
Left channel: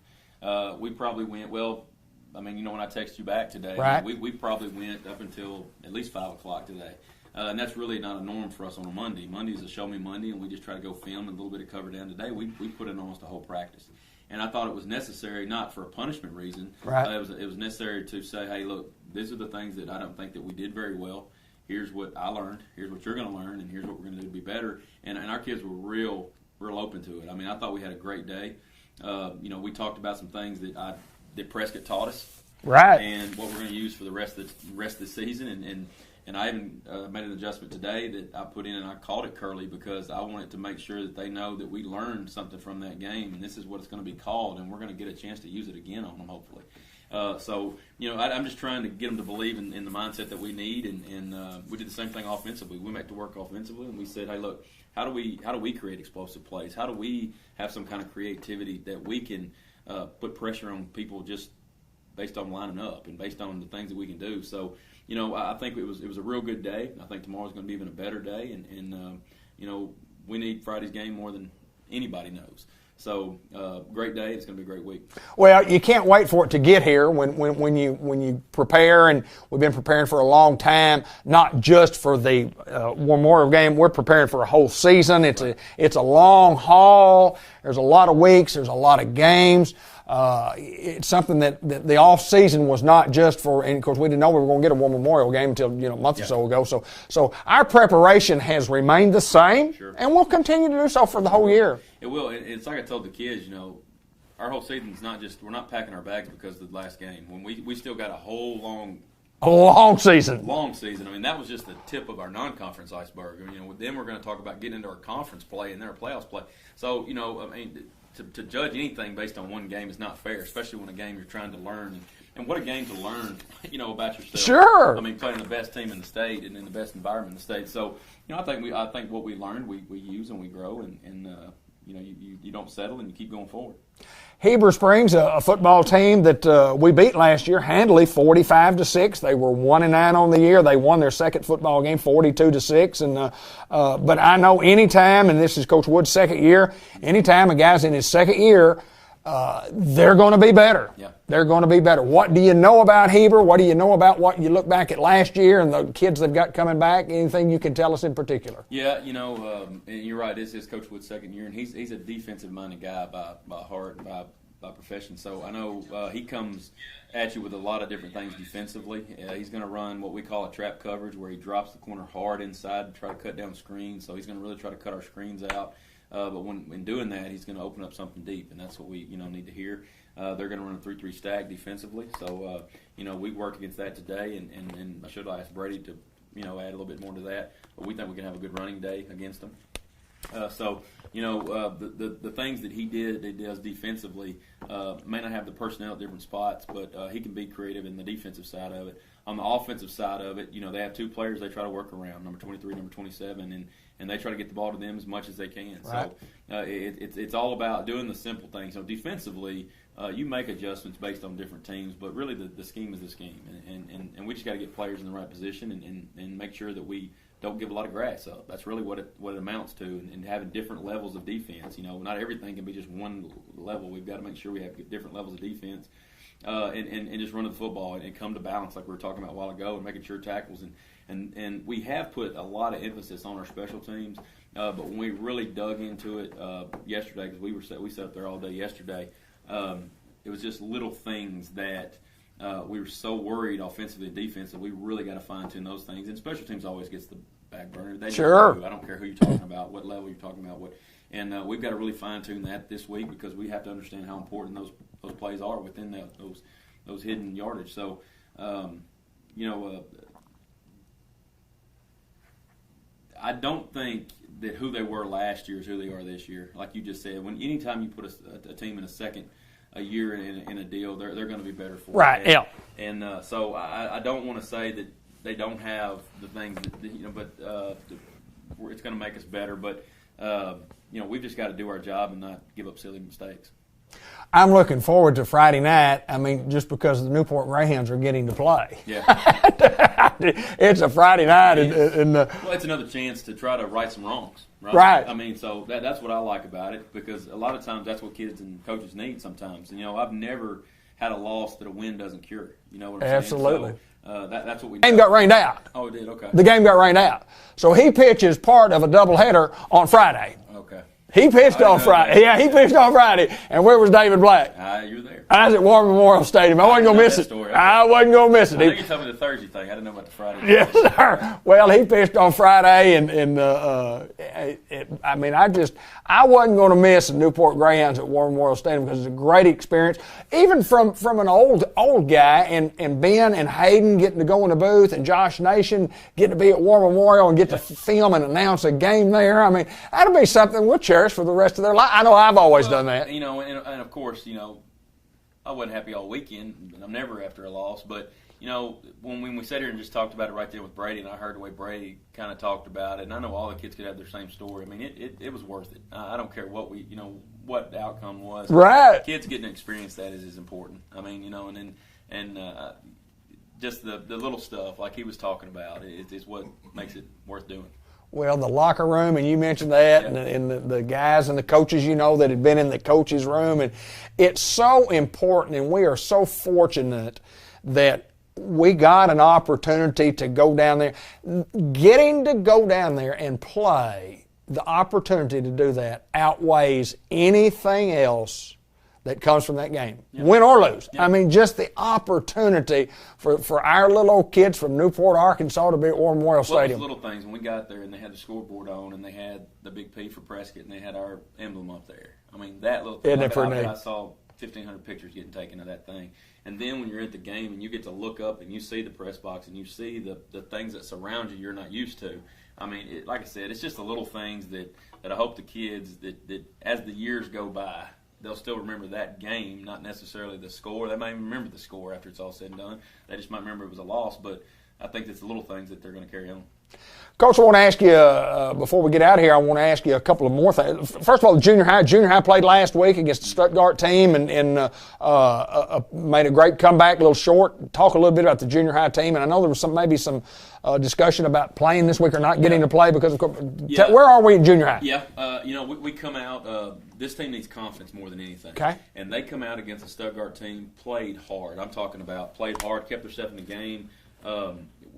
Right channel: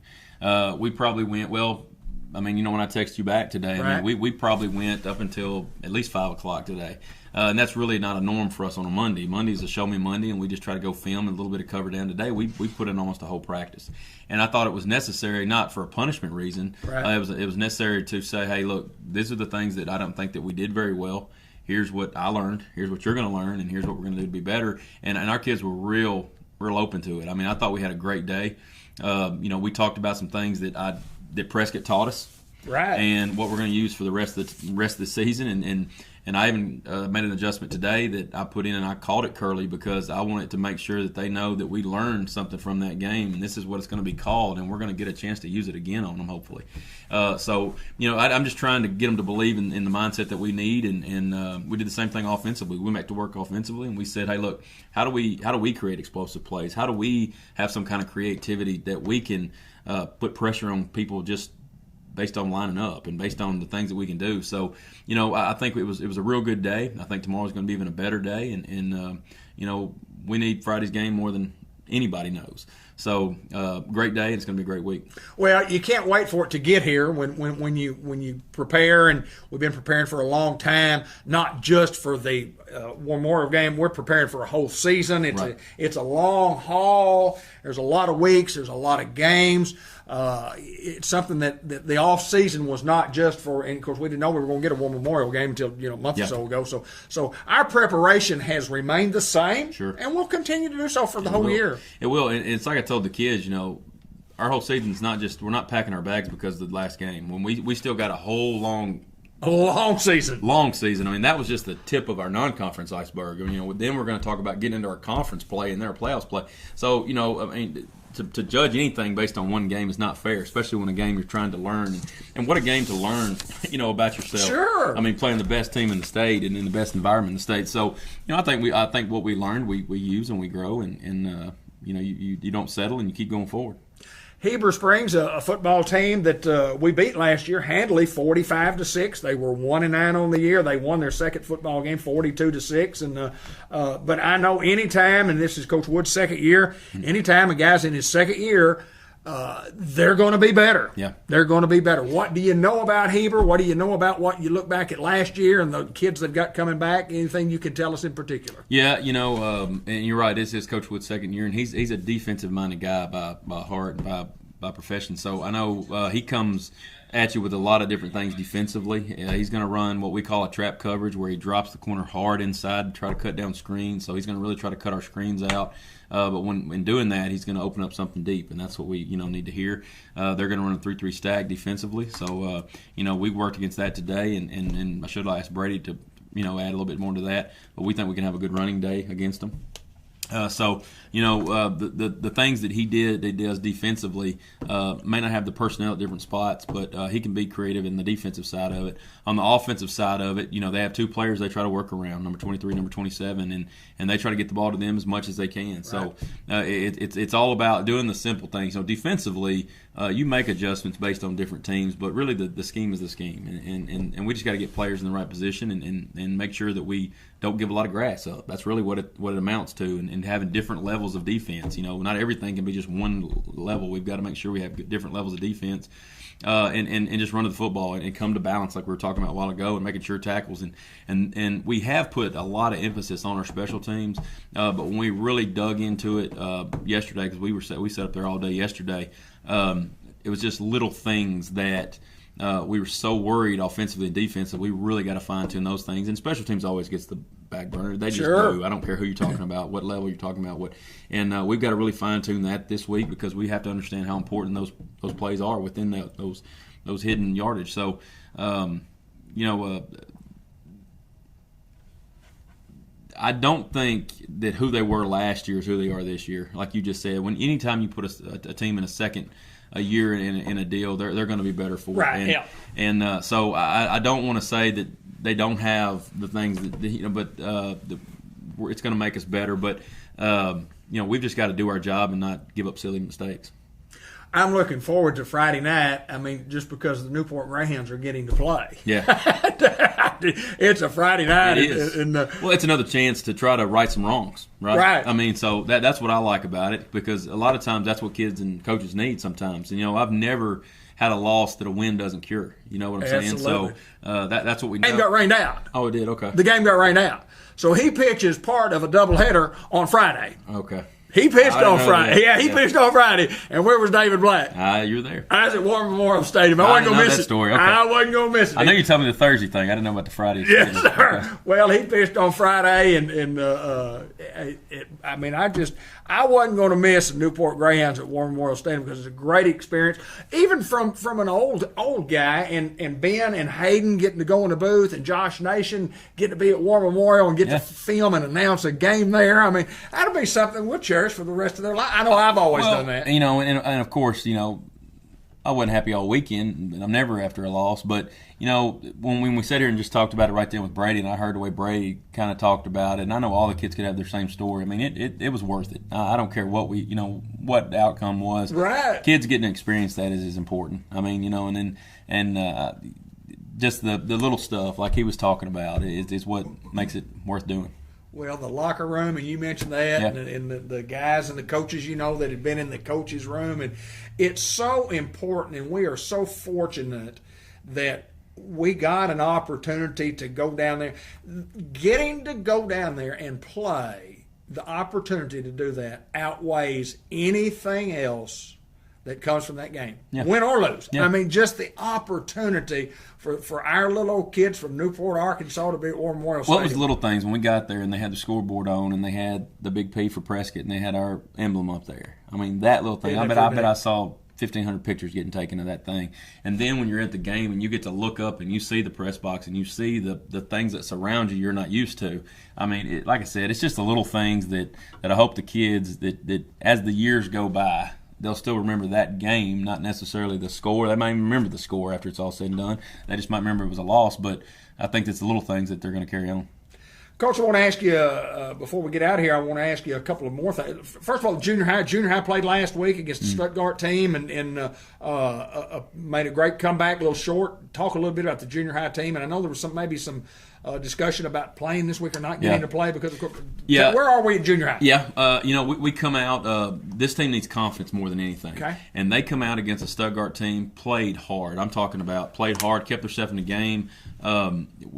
We probably went, when I text you back today, right. we probably went up until at least 5 o'clock today. And that's really not a norm for us on a Monday. Monday's a show me Monday, and we just try to go film and a little bit of cover down. Today, we put in almost a whole practice. And I thought it was necessary, not for a punishment reason. Right. It was necessary to say, hey, look, these are the things that I don't think that we did very well. Here's what I learned. Here's what you're going to learn, and here's what we're going to do to be better. And our kids were real open to it. I mean, I thought we had a great day. We talked about some things that Prescott taught us. Right. And what we're going to use for the rest of the season. And I even made an adjustment today that I put in, and I called it Curly because I wanted to make sure that they know that we learned something from that game, and this is what it's going to be called, and we're going to get a chance to use it again on them, hopefully. I'm just trying to get them to believe in the mindset that we need, and we did the same thing offensively. We went back to work offensively, and we said, hey, look, how do we create explosive plays? How do we have some kind of creativity that we can put pressure on people just based on lining up and based on the things that we can do. So, I think it was a real good day. I think tomorrow's going to be even a better day, and we need Friday's game more than anybody knows. So, great day. It's going to be a great week. Well, you can't wait for it to get here when you prepare, and we've been preparing for a long time, not just for the Memorial game. We're preparing for a whole season. It's a long haul. There's a lot of weeks. There's a lot of games. It's something that the off season was not just for, and of course we didn't know we were going to get a War Memorial game until a month or so ago. So our preparation has remained the same, sure, and we'll continue to do so for the whole year. It will. It's like I told the kids, our whole season's not just, we're not packing our bags because of the last game. When we still got a whole long season. Long season. I mean, that was just the tip of our non-conference iceberg. Then we're going to talk about getting into our conference play and their playoffs play. So, to judge anything based on one game is not fair, especially when a game you're trying to learn. And what a game to learn, about yourself. Sure. I mean, playing the best team in the state and in the best environment in the state. So, I think what we learned, we use and we grow, and you don't settle and you keep going forward. Heber Springs, a football team that we beat last year handily, 45-6. They were 1-9 on the year. They won their second football game, 42-6. And but I know anytime, and this is Coach Wood's second year, anytime a guy's in his second year, they're going to be better. Yeah, they're going to be better. What do you know about Heber? What do you know about what you look back at last year and the kids they've got coming back? Anything you can tell us in particular? Yeah, and you're right. This is Coach Wood's second year, and he's a defensive-minded guy by heart and by profession. So I know he comes at you with a lot of different things defensively. He's going to run what we call a trap coverage, where he drops the corner hard inside to try to cut down screens. So he's going to really try to cut our screens out. But when doing that, he's going to open up something deep, and that's what we need to hear. They're going to run a 3-3 stack defensively. So we worked against that today, and I should ask Brady to add a little bit more to that. But we think we can have a good running day against them. The things that he does defensively may not have the personnel at different spots, but he can be creative in the defensive side of it. On the offensive side of it, they have two players they try to work around, number 23, number 27, and they try to get the ball to them as much as they can. Right. So it's all about doing the simple things. Defensively, you make adjustments based on different teams, but really the scheme is the scheme, and we just got to get players in the right position and make sure that we don't give a lot of grass up. That's really what it amounts to, and having different levels of defense. Not everything can be just one level. We've got to make sure we have different levels of defense, and just run to the football and come to balance like we were talking about a while ago, and making sure tackles. And we have put a lot of emphasis on our special teams, but when we really dug into it yesterday, because we sat up there all day yesterday, it was just little things that we were so worried offensively and defensively. We really got to fine-tune those things. And special teams always gets the back burner. They just do. I don't care who you're talking about, what level you're talking about. And we've got to really fine-tune that this week, because we have to understand how important those plays are within those hidden yardage. So, I don't think that who they were last year is who they are this year. Like you just said, anytime you put a team in a second a year in a deal, they're going to be better for Right. it. And so I don't want to say that they don't have the things that but it's going to make us better. But we've just got to do our job and not give up silly mistakes. I'm looking forward to Friday night. I mean, just because the Newport Greyhounds are getting to play. Yeah. It's a Friday night. Well, it's another chance to try to right some wrongs, right? Right. I mean, so that's what I like about it, because a lot of times that's what kids and coaches need sometimes. And, I've never had a loss that a win doesn't cure. You know what I'm saying? Absolutely. So that's what we The know. game got rained out. Oh, it did? Okay. The game got rained out. So he pitches part of a doubleheader on Friday. Okay. He pitched on Friday. Yeah, he pitched on Friday. And where was David Black? You were there. I was at War Memorial Stadium. I wasn't going to miss it. Story. Okay. I wasn't going to miss it. I know you told me the Thursday thing. I didn't know about the Friday. Yes, sir. Well, he pitched on Friday, and I wasn't going to miss the Newport Greyhounds at War Memorial Stadium because it's a great experience. Even from an old guy, and Ben and Hayden getting to go in the booth, and Josh Nation getting to be at War Memorial and get to film and announce a game there. I mean, that'll be something we'll cherish for the rest of their life. I know I've always done that. And of course, I wasn't happy all weekend, and I'm never after a loss. But, when we sat here and just talked about it right then with Brady, and I heard the way Brady kind of talked about it, and I know all the kids could have their same story. I mean, it was worth it. I don't care what what the outcome was. Right. Kids getting to experience that is important. I mean, just the little stuff like he was talking about is what makes it worth doing. Well, the locker room, and you mentioned that, Yeah. and the guys and the coaches, that had been in the coaches' room. And it's so important, and we are so fortunate that we got an opportunity to go down there. Getting to go down there and play, the opportunity to do that outweighs anything else that comes from that game, win or lose. Yeah. I mean, just the opportunity for our little old kids from Newport, Arkansas to be at War Memorial Stadium. What was the little things when we got there and they had the scoreboard on and they had the big P for Prescott and they had our emblem up there? I mean, that little thing. I bet I saw 1,500 pictures getting taken of that thing. And then when you're at the game and you get to look up and you see the press box and you see the things that surround you you're not used to. I mean, like I said, it's just the little things that I hope the kids that as the years go by, they'll still remember that game, not necessarily the score. They might even remember the score after it's all said and done. They just might remember it was a loss, but I think it's the little things that they're going to carry on. Coach, I want to ask you, before we get out of here, I want to ask you a couple of more things. First of all, junior high played last week against the Stuttgart team and made a great comeback, a little short. Talk a little bit about the junior high team, and I know there was maybe some discussion about playing this week or not getting to play because of where are we in junior high? Yeah, we come out, this team needs confidence more than anything. Okay. And they come out against a Stuttgart team, played hard. I'm talking about played hard, kept themselves in the game.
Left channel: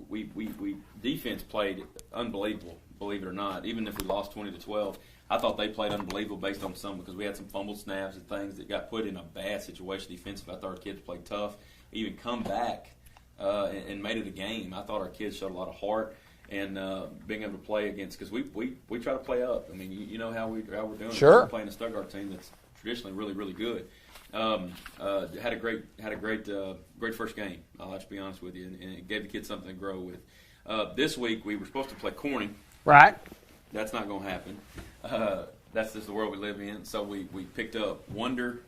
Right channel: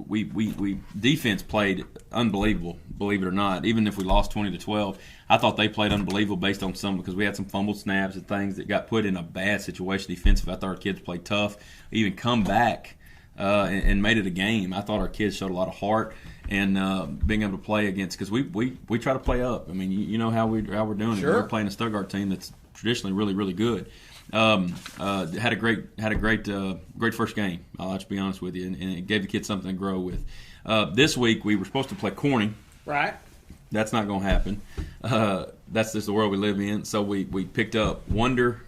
We defense played unbelievable, believe it or not. Even if we lost 20-12, I thought they played unbelievable based on because we had some fumbled snaps and things that got put in a bad situation defensively. I thought our kids played tough, even come back and made it a game. I thought our kids showed a lot of heart and being able to play against, because we try to play up. I mean, you know how we're doing. Sure. We're playing a Stuttgart team that's traditionally really, really good. Had a great first game. I'll just be honest with you, and it gave the kids something to grow with. This week we were supposed to play Corning. Right. That's not going to happen. That's just the world we live in. So we picked up Wonder,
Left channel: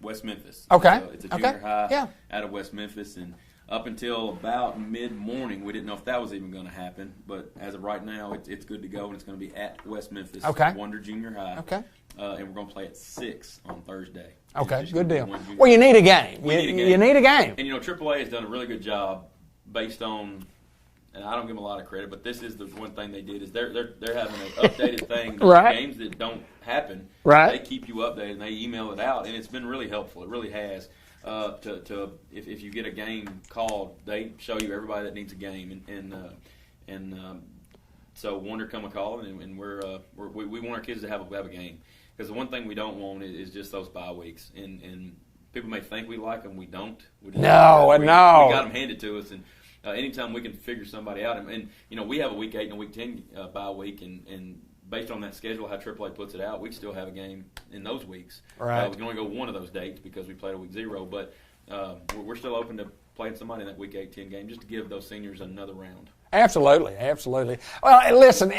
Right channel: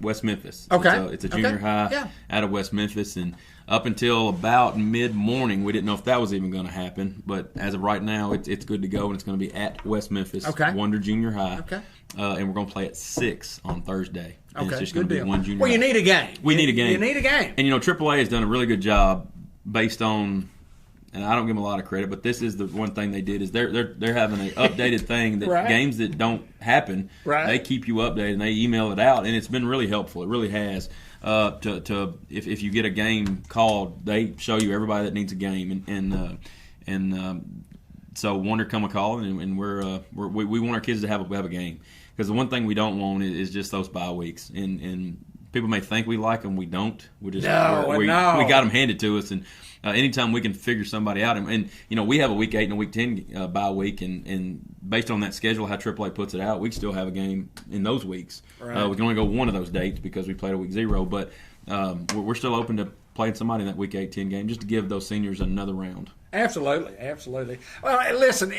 West Memphis. Okay. It's a junior high out of West Memphis, and up until about mid-morning, we didn't know if that was even going to happen. But as of right now, it's good to go, and it's going to be at West Memphis, Wonder Junior High. Okay. And we're going to play at 6 on Thursday. Okay, it's just good be deal. one junior Well, you high. need a game. We need a game. You need a game. And, AAA has done a really good job based on, and I don't give them a lot of credit, but this is the one thing they did is they're having an updated thing. That games that don't happen, they keep you updated, and they email it out, and it's been really helpful. It really has. If you get a game called, they show you everybody that needs a game, and so Wonder come a call, and we want our kids to have a game. Because the one thing we don't want is just those bye weeks. And people may think we like them. We don't. We got them handed to us. And anytime we can figure somebody out. And we have a week 8 and a week 10 bye week. And based on that schedule, how AAA puts it out, we still have a game in those weeks. Right. We can only go one of those dates because we played a week 0. But we're still open to playing somebody in that week 8-10 game just to give those seniors another round. Absolutely, absolutely. Well, listen,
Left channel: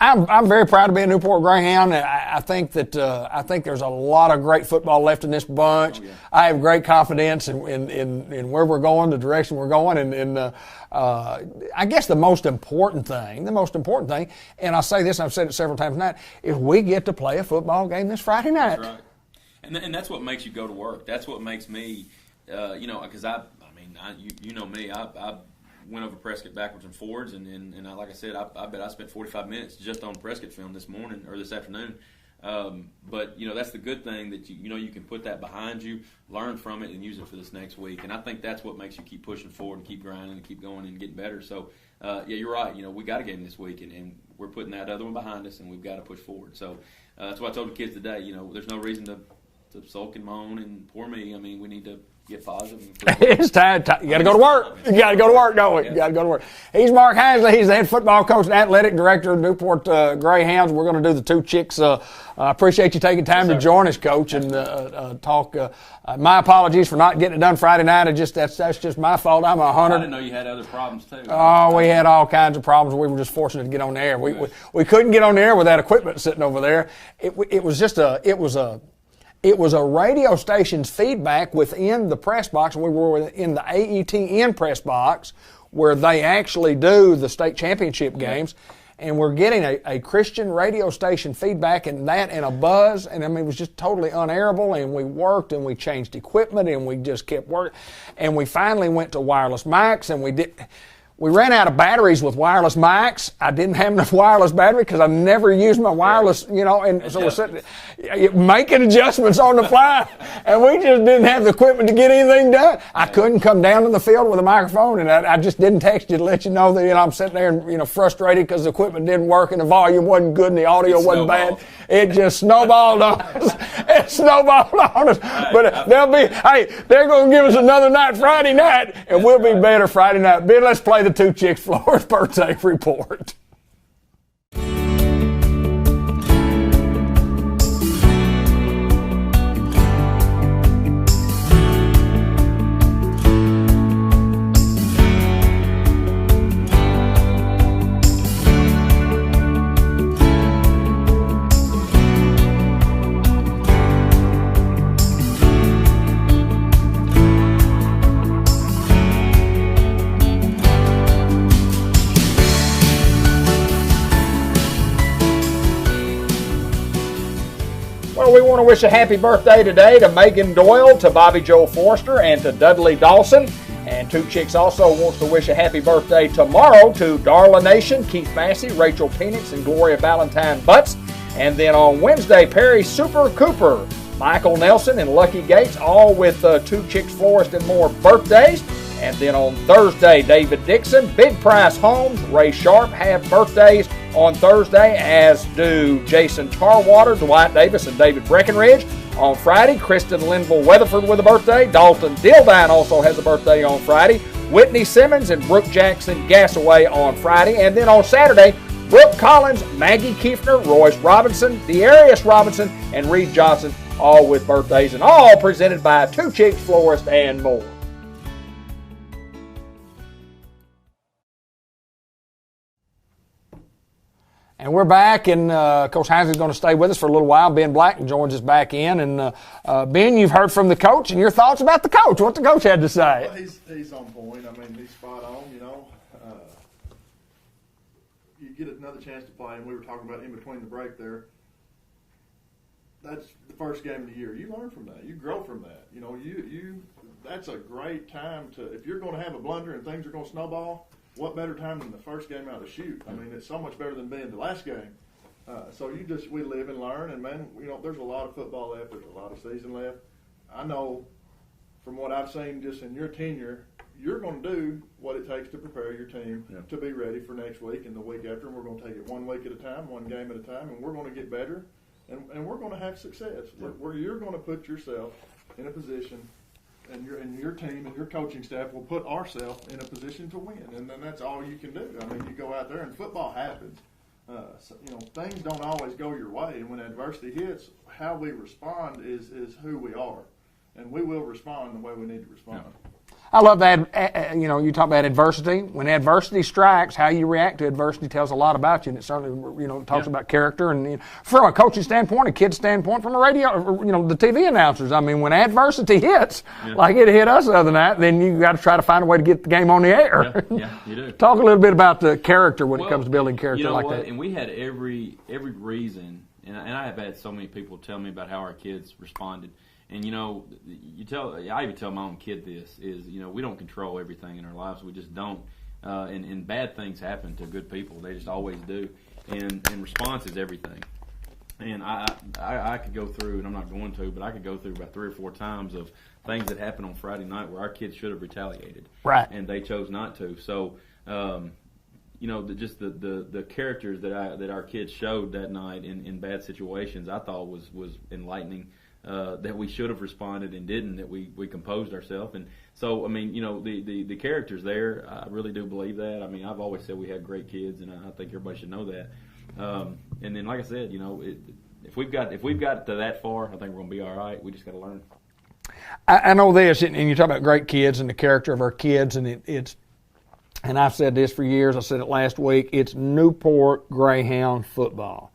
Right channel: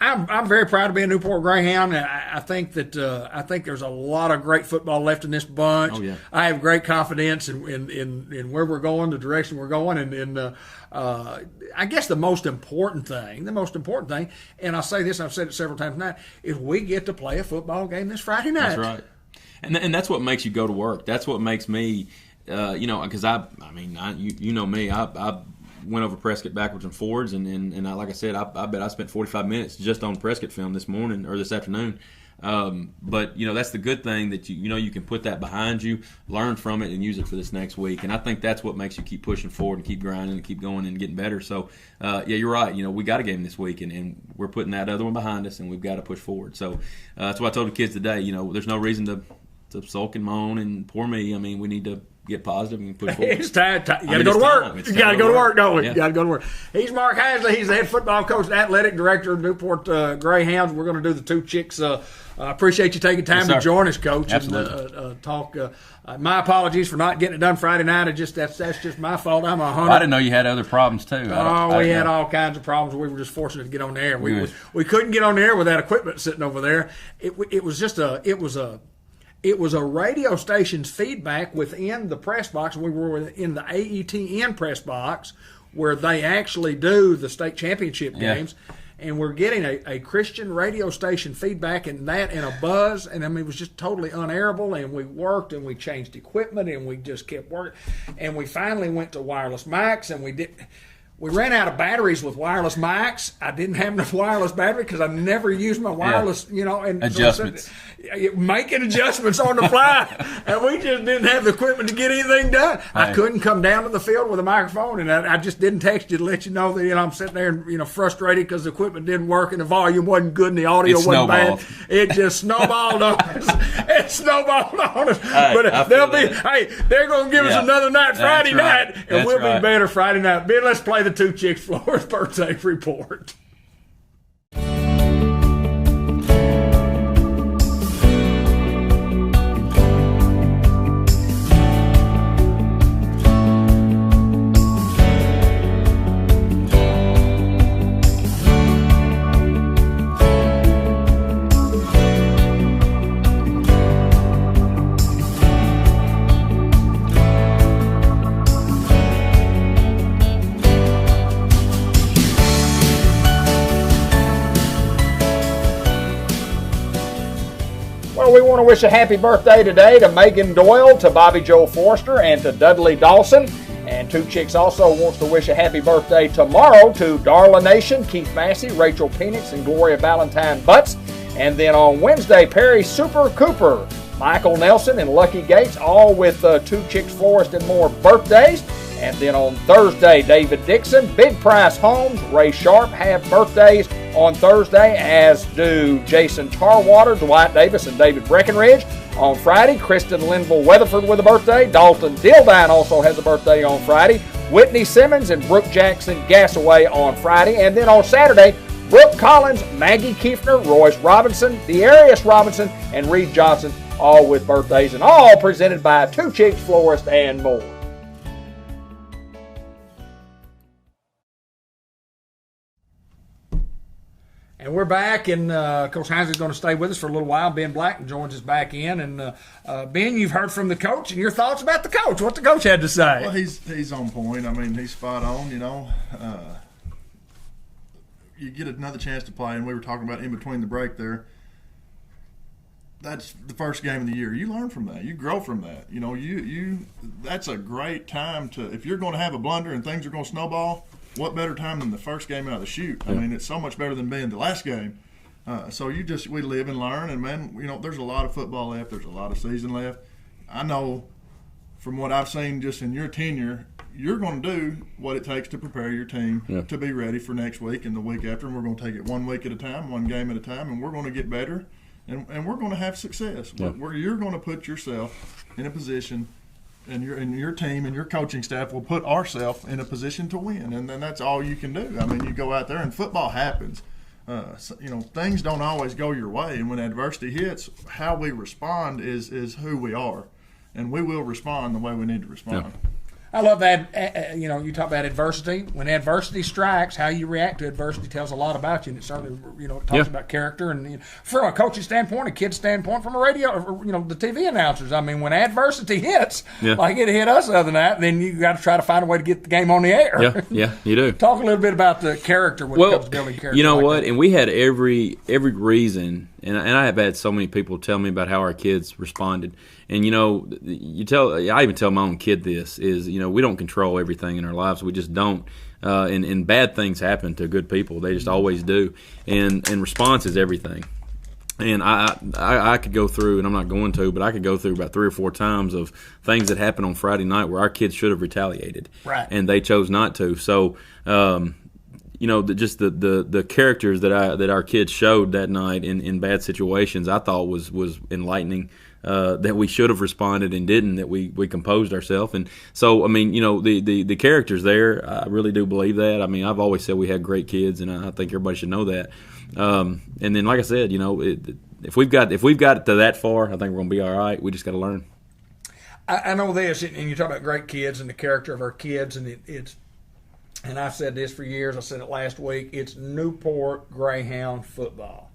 I'm very proud to be a Newport Greyhound. I think that I think there's a lot of great football left in this bunch. Oh, yeah. I have great confidence in where we're going, the direction we're going, and I guess the most important thing, and I'll say this, I've said it several times tonight, is we get to play a football game this Friday night. That's right. And that's what makes you go to work. That's what makes me, because you know me, I went over Prescott backwards and forwards, and like I said, I bet I spent 45 minutes just on Prescott film this morning or this afternoon. But that's the good thing, that you can put that behind you, learn from it, and use it for this next week. And I think that's what makes you keep pushing forward and keep grinding and keep going and getting better. So you're right. We got a game this week, and we're putting that other one behind us, and we've got to push forward. So that's what I told the kids today. There's no reason to sulk and moan and poor me. I mean, we need to get positive and push forward. It's time. You got to go to work. You got to go to work, don't we? Yeah. You got to go to work. He's Mark Hansley. He's the head football coach and athletic director of Newport Greyhounds. We're going to do the two chicks. I appreciate you taking time to join us, Coach, and talk. My apologies for not getting it done Friday night. That's just my fault. I'm a hunter. I didn't know you had other problems too. We had all kinds of problems. We were just fortunate to get on the air. We couldn't get on the air with that equipment sitting over there. It was a radio station's feedback within the press box. We were in the AETN press box where they actually do the state championship games. And we're getting a Christian radio station feedback and a buzz. And, it was just totally unairable. And we worked and we changed equipment and we just kept working. And we finally went to wireless mics, and we ran out of batteries with wireless mics. I didn't have enough wireless battery because I never used my wireless, and adjustments. Making adjustments on the fly, and we just didn't have the equipment to get anything done. Right. I couldn't come down to the field with a microphone, and I just didn't text you to let you know that I'm sitting there and frustrated because the equipment didn't work and the volume wasn't good and the audio wasn't bad. It just snowballed on us. It snowballed on us. But they're going to give us another night Friday night, and we'll be better Friday night. Ben, let's play the two chicks Flores birthday report. We want to wish a happy birthday today to Megan Doyle, to Bobby Joe Forster, and to Dudley Dawson. And Two Chicks also wants to wish a happy birthday tomorrow to Darla Nation, Keith Massey, Rachel Penix, and Gloria Valentine Butts. And then on Wednesday, Perry Super Cooper, Michael Nelson, and Lucky Gates, all with Two Chicks Florist and more birthdays. And then on Thursday, David Dixon, Big Price Homes, Ray Sharp have birthdays on Thursday, as do Jason Tarwater, Dwight Davis, and David Breckenridge. On Friday, Kristen Linville Weatherford with a birthday. Dalton Dildine also has a birthday on Friday. Whitney Simmons and Brooke Jackson Gassaway on Friday. And then on Saturday, Brooke Collins, Maggie Kiefner, Royce Robinson, Dearius Robinson, and Reed Johnson, all with birthdays, and all presented by Two Chicks Florist and More. And we're back, and Coach Heinsley's going to stay with us for a little while. Ben Black joins us back in. And, Ben, you've heard from the coach, and your thoughts about the coach. What the coach had to say? Well, he's on point. I mean, he's spot on, You get another chance to play, and we were talking about in between the break there. That's the first game of the year. You learn from that. You grow from that. That's a great time to – if you're going to have a blunder and things are going to snowball – what better time than the first game out of the chute? I mean, it's so much better than being the last game. So we live and learn, and man, there's a lot of football left. There's a lot of season left. I know from what I've seen just in your tenure, you're going to do what it takes to prepare your team to be ready for next week and the week after. And we're going to take it 1 week at a time, one game at a time, and we're going to get better, and we're going to have success. Where you're going to put yourself in a position. And your team and your coaching staff will put ourselves in a position to win, and then that's all you can do. I mean, you go out there, and football happens. Things don't always go your way, and when adversity hits, how we respond is who we are, and we will respond the way we need to respond. I love that. You talk about adversity. When adversity strikes, how you react to adversity tells a lot about you, and it certainly talks about character. And from a coaching standpoint, a kid's standpoint, from a radio, the TV announcers. I mean, when adversity hits, like it hit us the other night, then you got to try to find a way to get the game on the air. Yeah, you do. Talk a little bit about the character when it comes to building character. You know like what? that. And we had every reason, and I have had so many people tell me about how our kids responded. And I even tell my own kid this is, we don't control everything in our lives. We just don't. And bad things happen to good people. They just always do. And response is everything. And I could go through, and I'm not going to, but I could go through about 3 or 4 times of things that happened on Friday night where our kids should have retaliated, right? And they chose not to. So, just the characters that our kids showed that night in bad situations, I thought was enlightening. That we should have responded and didn't. That we composed ourselves, and so the characters there. I really do believe that. I mean, I've always said we had great kids, and I think everybody should know that. And then, like I said, if we've got to that far, I think we're going to be all right. We just got to learn. I know this, and you talk about great kids and the character of our kids, and it's. And I've said this for years. I said it last week. It's Newport Greyhound football.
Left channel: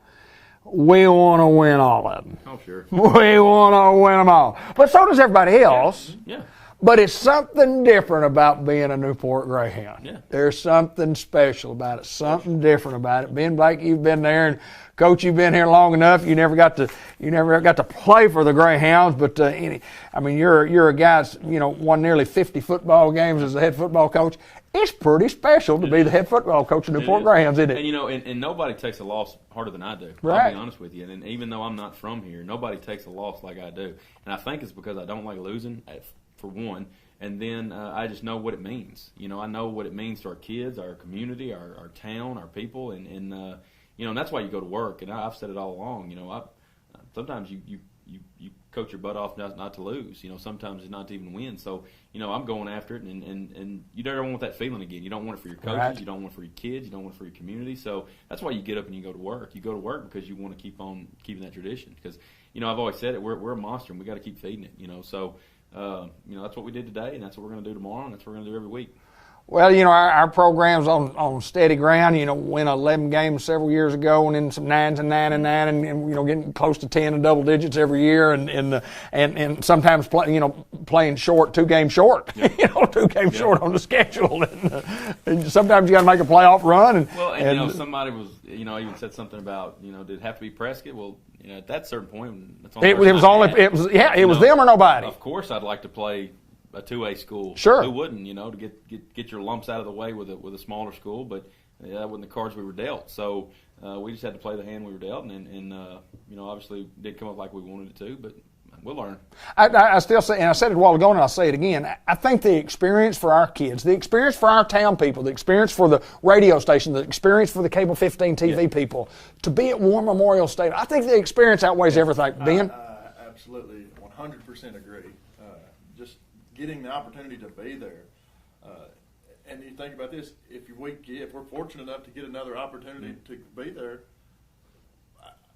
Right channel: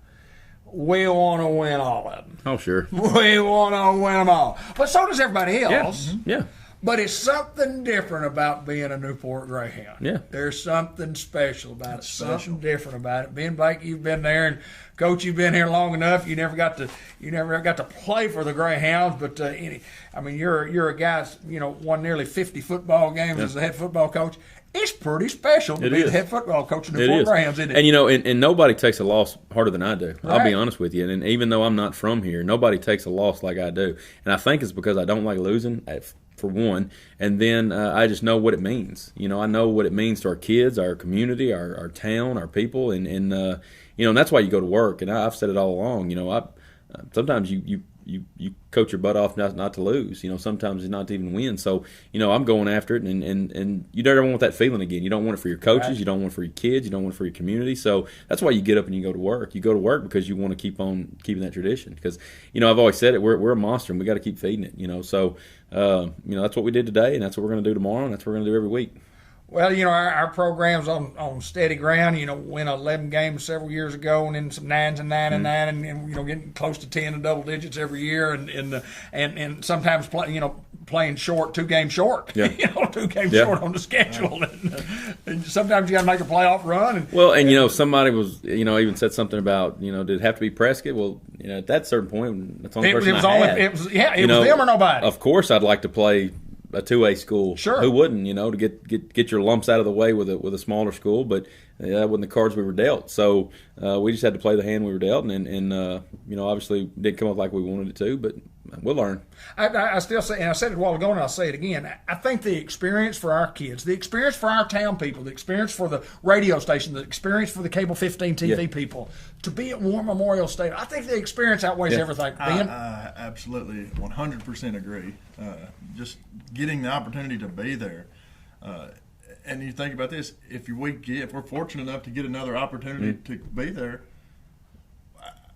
We want to win all of them. Oh, sure. We want to win them all. But so does everybody else. Yeah. But it's something different about being a Newport Greyhound. Yeah. There's something special about it, something different about it. Ben Blake, you've been there, and Coach, you've been here long enough. You never got to play for the Greyhounds, but you're a guy that's won nearly 50 football games as the head football coach. It's pretty special to be the head football coach of the Newport Greyhounds, isn't it? And and nobody takes a loss harder than I do. Right. I'll be honest with you. And even though I'm not from here, nobody takes a loss like I do. And I think it's because I don't like losing, for one. And then I just know what it means. I know what it means to our kids, our community, our town, our people, and that's why you go to work. And I've said it all along. Sometimes you coach your butt off not to lose. Sometimes it's not to even win. So, I'm going after it, and you don't want that feeling again. You don't want it for your coaches. Right. You don't want it for your kids. You don't want it for your community. So that's wthat's why you get up and you go to work. You go to work because you want to keep on keeping that tradition. Because, I've always said it, we're a monster, and we got to keep feeding it, So, that's what we did today, and that's what we're going to do tomorrow, and that's what we're going to do every week. Well, our program's on steady ground. Win 11 games several years ago, and then some 9s and 9 and 9, and getting close to 10 and double digits every year, and sometimes playing short, 2 games short. Yeah. 2 games short on the schedule. And sometimes you got to make a playoff run. Somebody was even said something about did it have to be Prescott? Well, at that certain point, that's the only person it was them or nobody. Of course, I'd like to play a 2A school. Sure. Who wouldn't, to get your lumps out of the way with a smaller school, but that wasn't the cards we were dealt. So we just had to play the hand we were dealt, and obviously didn't come up like we wanted it to, but we'll learn. I still say, and I said it a while ago, and I'll say it again, I think the experience for our kids, the experience for our town people, the experience for the radio station, the experience for the Cable 15 TV people, to be at War Memorial Stadium, I think the experience outweighs everything. Ben? I absolutely 100% agree. Just getting the opportunity to be there, and you think about this: if we're fortunate enough to get another opportunity to be there,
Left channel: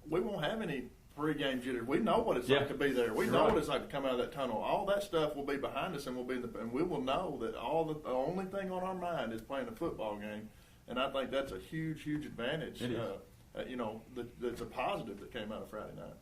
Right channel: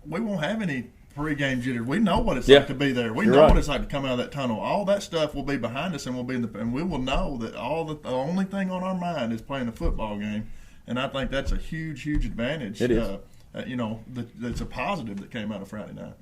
we won't have any pre-game jitters. We know what it's like to be there. We know what it's like to come out of that tunnel. All that stuff will be behind us, and we'll be and we will know that the only thing on our mind is playing a football game, and I think that's a huge advantage. It is. That's a positive that came out of Friday night.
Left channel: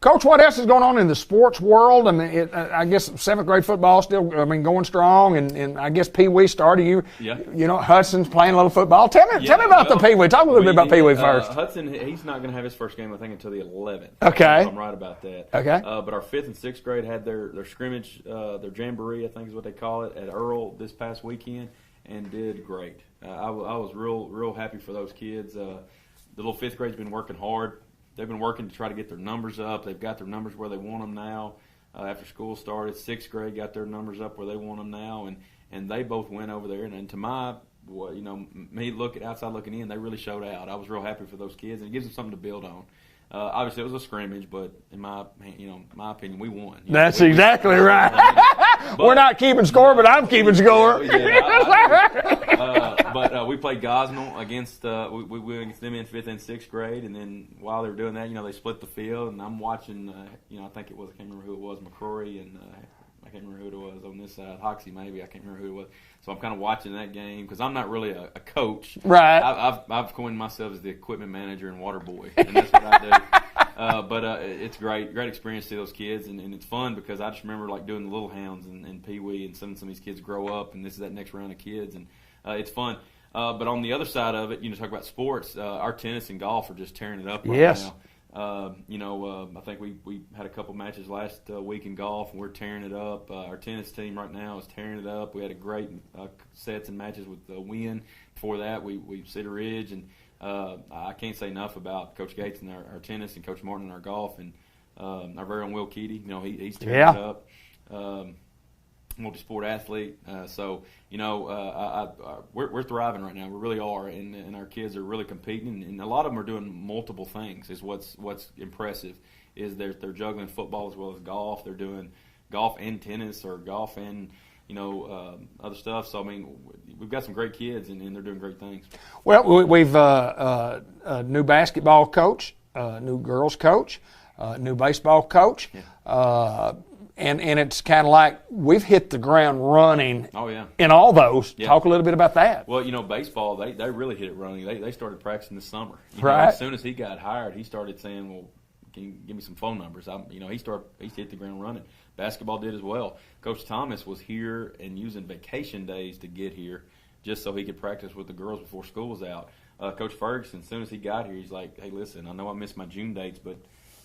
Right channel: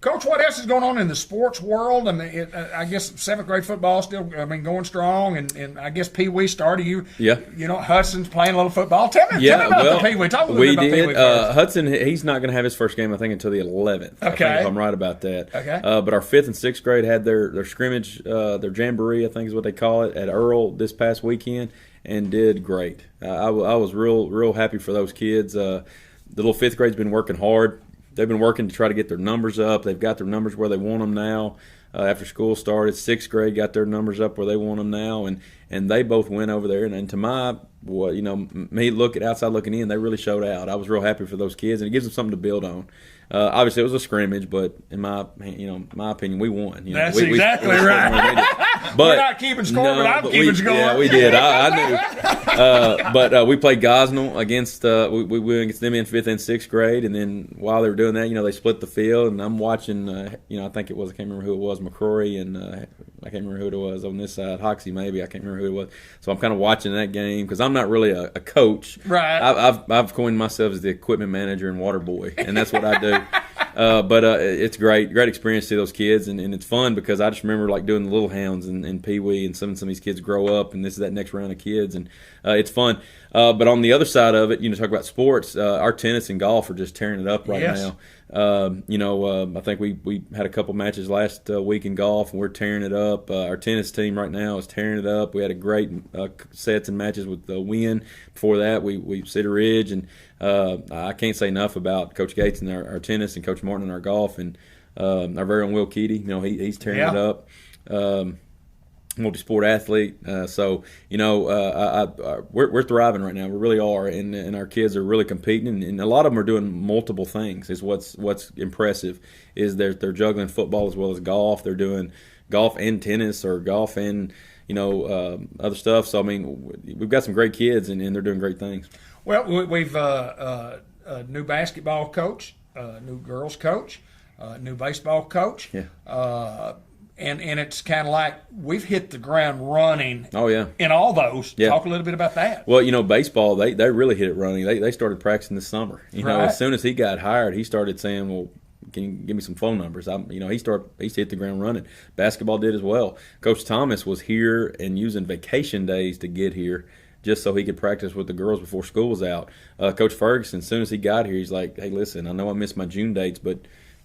Coach, what else is going on in the sports world? I mean, I guess 7th grade football still, going strong, and I guess Pee Wee started. Hudson's playing a little football. Tell me about the Pee Wee. Talk a little bit about Pee Wee first. Hudson, he's not going to have his first game, I think, until the 11th. Okay. If I'm right about that. Okay. But our 5th and 6th grade had their scrimmage, their jamboree, I think is what they call it, at Earl this past weekend, and did great. I was real happy for those kids. The little 5th grade's been working hard. They've been working to try to get their numbers up. They've got their numbers where they want them now. After school started, 6th grade got their numbers up where they want them now, and they both went over there. And to my, me outside looking in, they really showed out. I was real happy for those kids, and it gives them something to build on. Obviously, it was a scrimmage, but in my opinion, we won. That's exactly right. But, we're not keeping score, but I'm keeping score. Yeah, we did. I knew. But we played Gosnell against we went against them in 5th and 6th grade, and then while they were doing that, they split the field, and I'm watching. I think it was, I can't remember who it was, McCrory and I can't remember who it was on this side. Hoxie, maybe. I can't remember who it was. So I'm kind of watching that game because I'm not really a coach. Right. I've coined myself as the equipment manager and water boy, and that's what I do. But it's great experience to see those kids, and it's fun because I just remember like doing the Little Hounds and Pee Wee, and some of these kids grow up, and this is that next round of kids, and it's fun. But on the other side of it, talk about sports. Our tennis and golf are just tearing it up right now. I think we had a couple matches last week in golf, and we're tearing it up. Our tennis team right now is tearing it up. We had a great sets and matches with the Win. Before that, we Cedar Ridge, and I can't say enough about Coach Gates and our tennis, and Coach Martin and our golf, and our very own Will Keaty. He's tearing it up. Multi-sport athlete. We're thriving right now. We really are, and our kids are really competing, and a lot of them are doing multiple things. Is what's impressive is they're juggling football as well as golf. They're doing golf and tennis, or golf and other stuff. So we've got some great kids, and they're doing great things. Well, we've a new basketball coach, new girls coach, new baseball coach. Yeah. And it's kind of like we've hit the ground running. Oh, yeah. In all those. Yeah. Talk a little bit about that. Well, baseball, they really hit it running. They started practicing this summer. Right. As soon as he got hired, he started saying, well, can you give me some phone numbers? He hit the ground running. Basketball did as well. Coach Thomas was here and using vacation days to get here just so he could practice with the girls before school was out. Coach Ferguson, as soon as he got here, he's like, hey, listen, I know I missed my June dates, but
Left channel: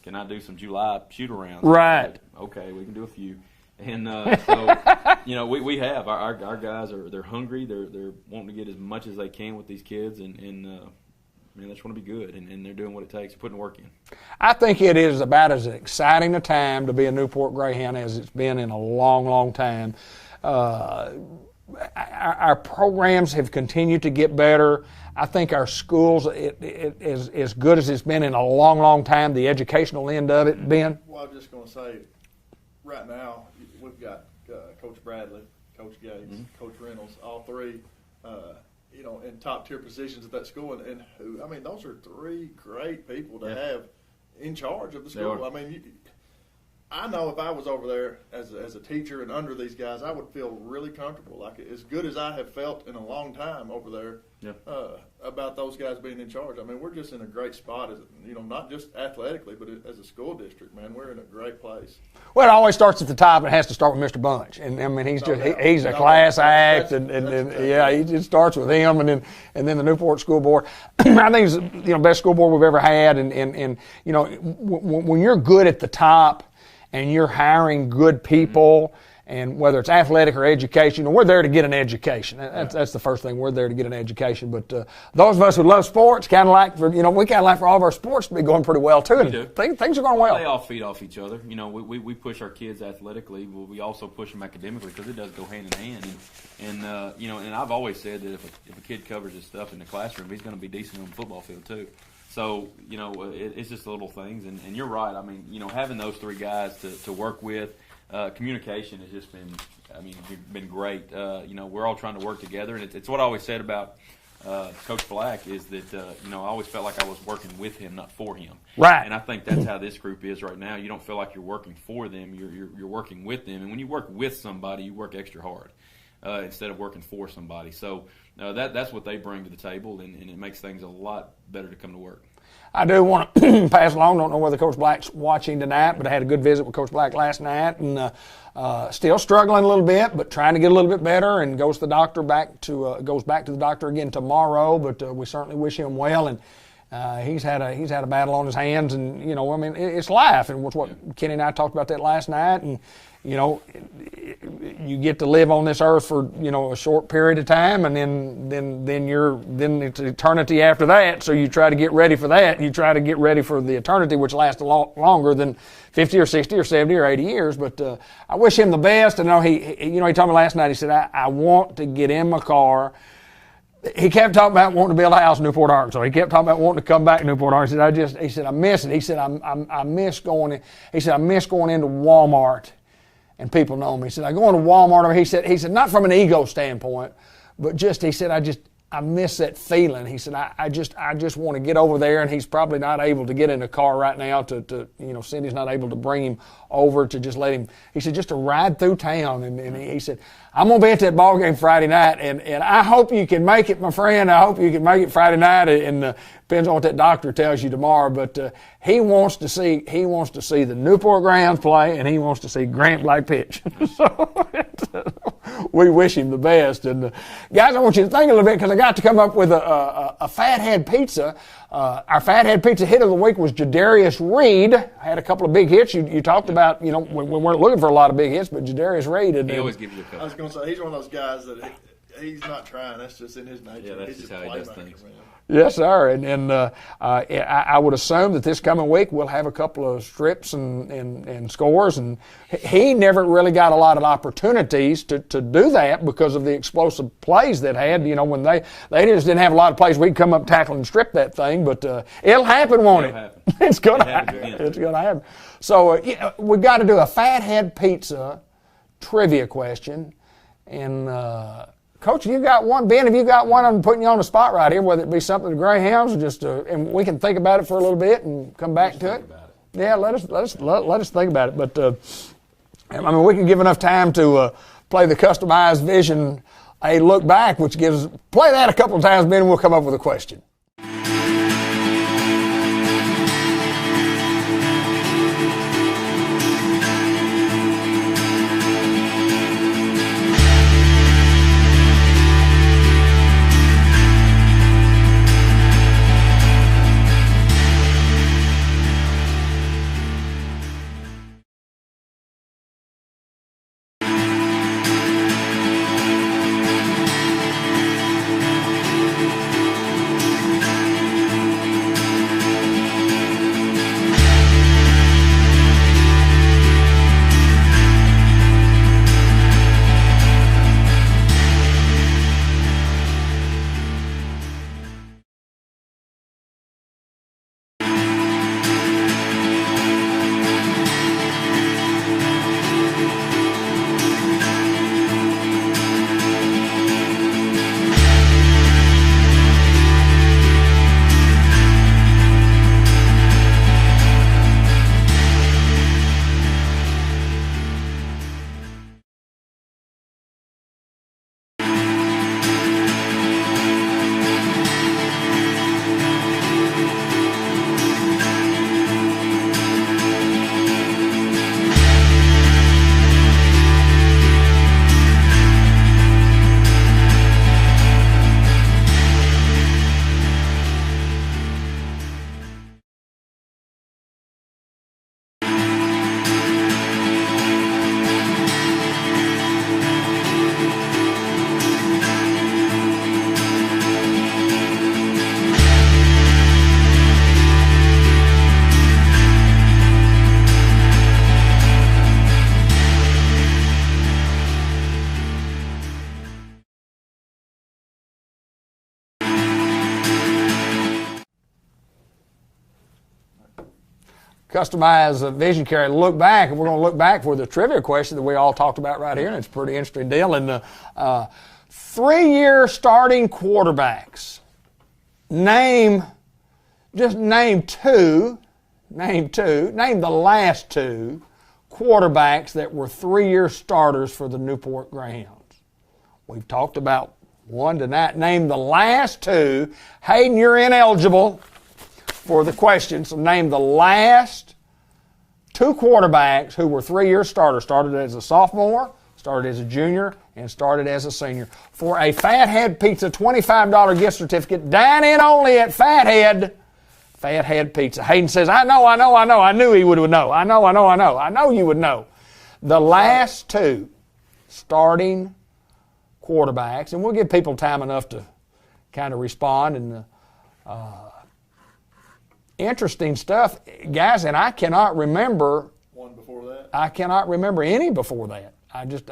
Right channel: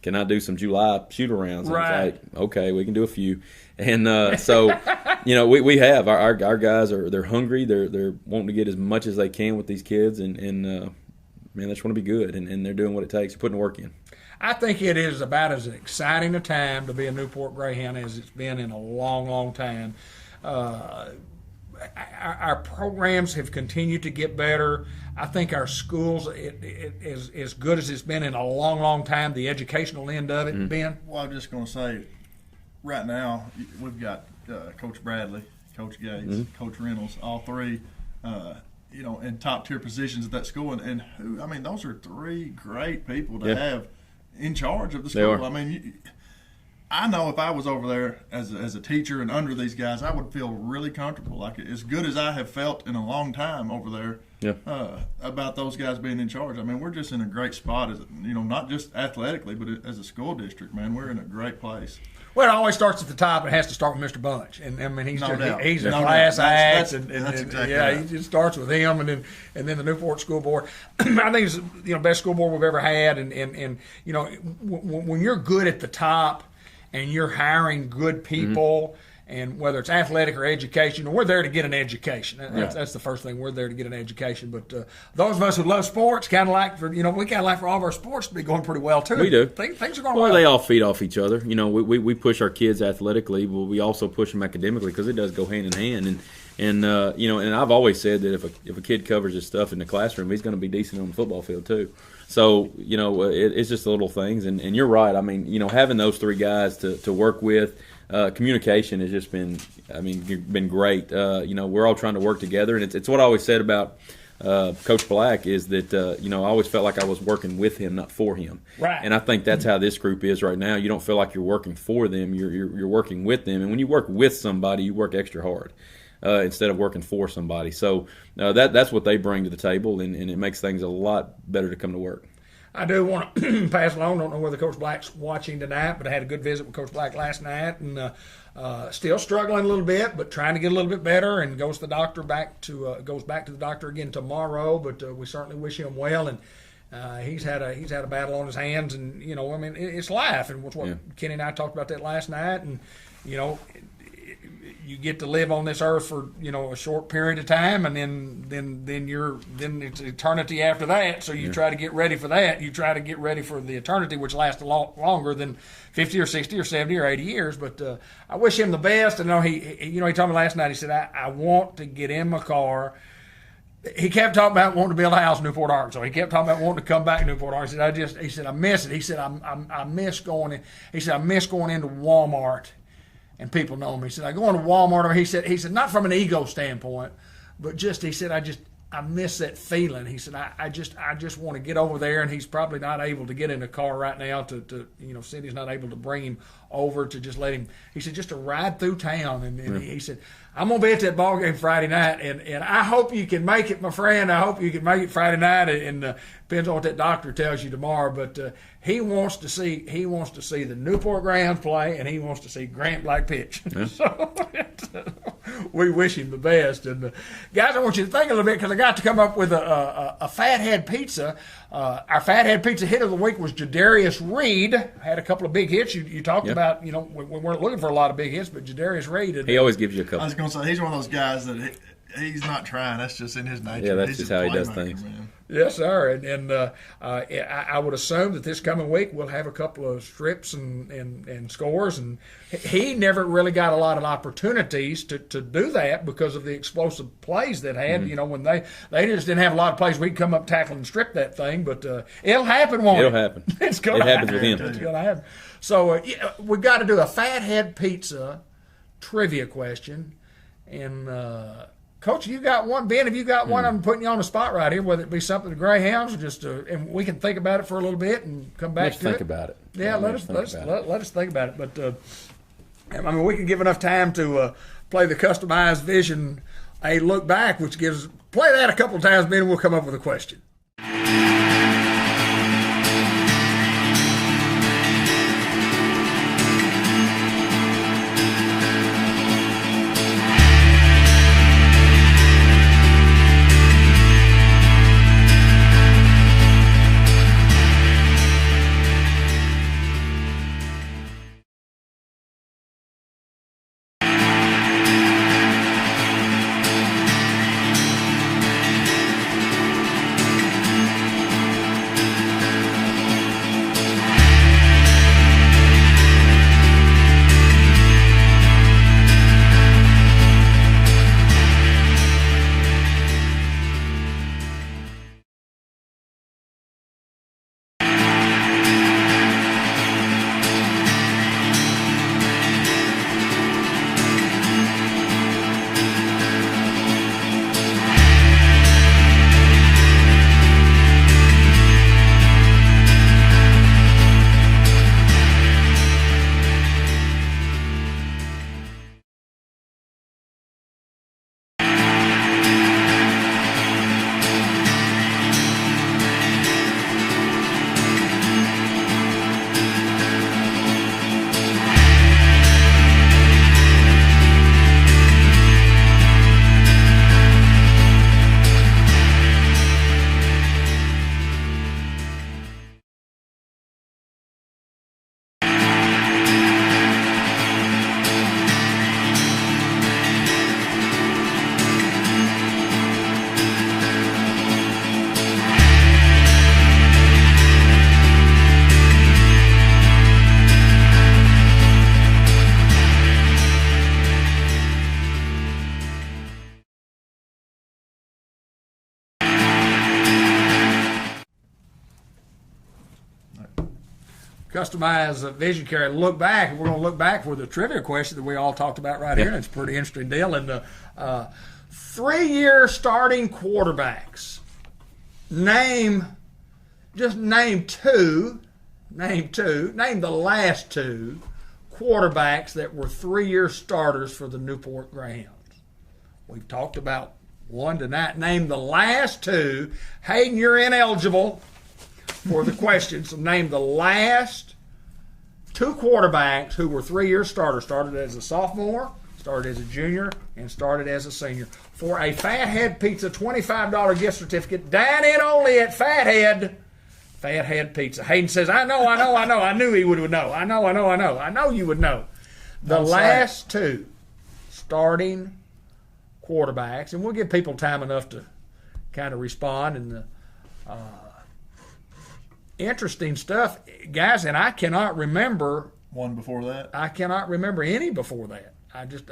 can I do some July shoot-arounds? Right. Like, okay, we can do a few. And so, we have. Our guys they're hungry. They're wanting to get as much as they can with these kids, and man, they just want to be good, and they're doing what it takes. They're putting the work in. I think it is about as exciting a time to be a Newport Greyhound as it's been in a long, long time. Our programs have continued to get better. I think our schools it is as good as it's been in a long, long time. The educational end of it, Ben. Well, I'm just going to say, right now we've got Coach Bradley, Coach Gates, Coach Reynolds, all three, in top tier positions at that school, and those are three great people to have in charge of the school. I know if I was over there as a teacher and under these guys, I would feel really comfortable, like as good as I have felt in a long time over there. Yeah. About those guys being in charge. We're just in a great spot, as not just athletically, but as a school district, man. We're in a great place. Well, it always starts at the top. It has to start with Mr. Bunch, and he's a class act, and exactly he just starts with him, and then the Newport School Board. I think it's the best school board we've ever had, and when you're good at the top, and you're hiring good people. And whether it's athletic or education, we're there to get an education. That's the first thing. We're there to get an education. But those of us who love sports, kind of like for all of our sports to be going pretty well too. We do. Things are going well. They all feed off each other. We push our kids athletically, but we also push them academically because it does go hand in hand. And I've always said that if a kid covers his stuff in the classroom, he's going to be decent on the football field too. So it's just the little things. And you're right. Having those three guys to work with. Communication has just been great. We're all trying to work together, and it's what I always said about Coach Black is that I always felt like I was working with him, not for him. Right. And I think that's how this group is right now. You don't feel like you're working for them; you're working with them. And when you work with somebody, you work extra hard instead of working for somebody. So that's what they bring to the table, and it makes things a lot better to come to work. I do want to pass along. Don't know whether Coach Black's watching tonight, but I had a good visit with Coach Black last night, and still struggling a little bit, but trying to get a little bit better. And goes to the doctor goes back to the doctor again tomorrow. But we certainly wish him well. And he's had a battle on his hands, and it's life. And what Kenny and I talked about that last night, and you get to live on this earth for a short period of time, and then it's eternity after that. So you try to get ready for that. You try to get ready for the eternity, which lasts a lot longer than 50 or 60 or 70 or 80 years. But I wish him the best. I know he told me last night. He said, I want to get in my car. He kept talking about wanting to build a house in Newport, Arkansas. He kept talking about wanting to come back to Newport, Arkansas. He said, I miss it. He said, I miss going in. He said, I miss going into Walmart. And people know me. He said, I go into Walmart. He said, not from an ego standpoint, but he said, I miss that feeling. He said, I just want to get over there, and he's probably not able to get in a car right now to Cindy's not able to bring him over to just let him, he said, just to ride through town. And he said, I'm going to be at that ball game Friday night, and I hope you can make it, my friend. I hope you can make it Friday night, and depends on what that doctor tells you tomorrow. But he wants to see the Newport Greyhounds play, and he wants to see Grant Black pitch. So we wish him the best. And guys, I want you to think a little bit, because I got to come up with a Fathead pizza. Our Fathead pizza hit of the week was Jadarius Reed. Had a couple of big hits. You talked about, we weren't looking for a lot of big hits, but Jadarius Reed. He always gives you a couple. I was going to say, he's one of those guys that he's not trying. That's just in his nature. Yeah, that's he's just how he does things. Man. Yes, sir. And I would assume that this coming week we'll have a couple of strips and scores. And he never really got a lot of opportunities to do that because of the explosive plays that had. Mm-hmm. When they just didn't have a lot of plays, we could come up, tackle, and strip that thing. But it'll happen, won't it? It'll happen. It's going to happen. It happens with him. It's going to happen. So we've got to do a Fathead pizza trivia question. And Coach, you got one. Ben, have you got one? I'm putting you on the spot right here, whether it be something the Greyhounds or just, and we can think about it for a little bit and come back to it. Think about it. Yeah, let us think about it. But we can give enough time to play the customized vision, a look back, which gives play that a couple of times, Ben, and we'll come up with a question. Customize vision carry, look back, and we're going to look back for the trivia question that we all talked about right here, and it's a pretty interesting deal. And the 3-year starting quarterbacks. Name the last two quarterbacks that were 3-year starters for the Newport Greyhounds. We've talked about one tonight. Name the last two. Hayden, you're ineligible for the question, so name the last two quarterbacks who were 3-year starters. Started as a sophomore, started as a junior, and started as a senior. For a Fathead Pizza $25 gift certificate, dine in only at Fathead Pizza. Hayden says, I know. I knew he would know. I know you would know. The last two starting quarterbacks, and we'll give people time enough to kind of respond. And interesting stuff, guys, and I cannot remember one before that. I cannot remember any before that. I just,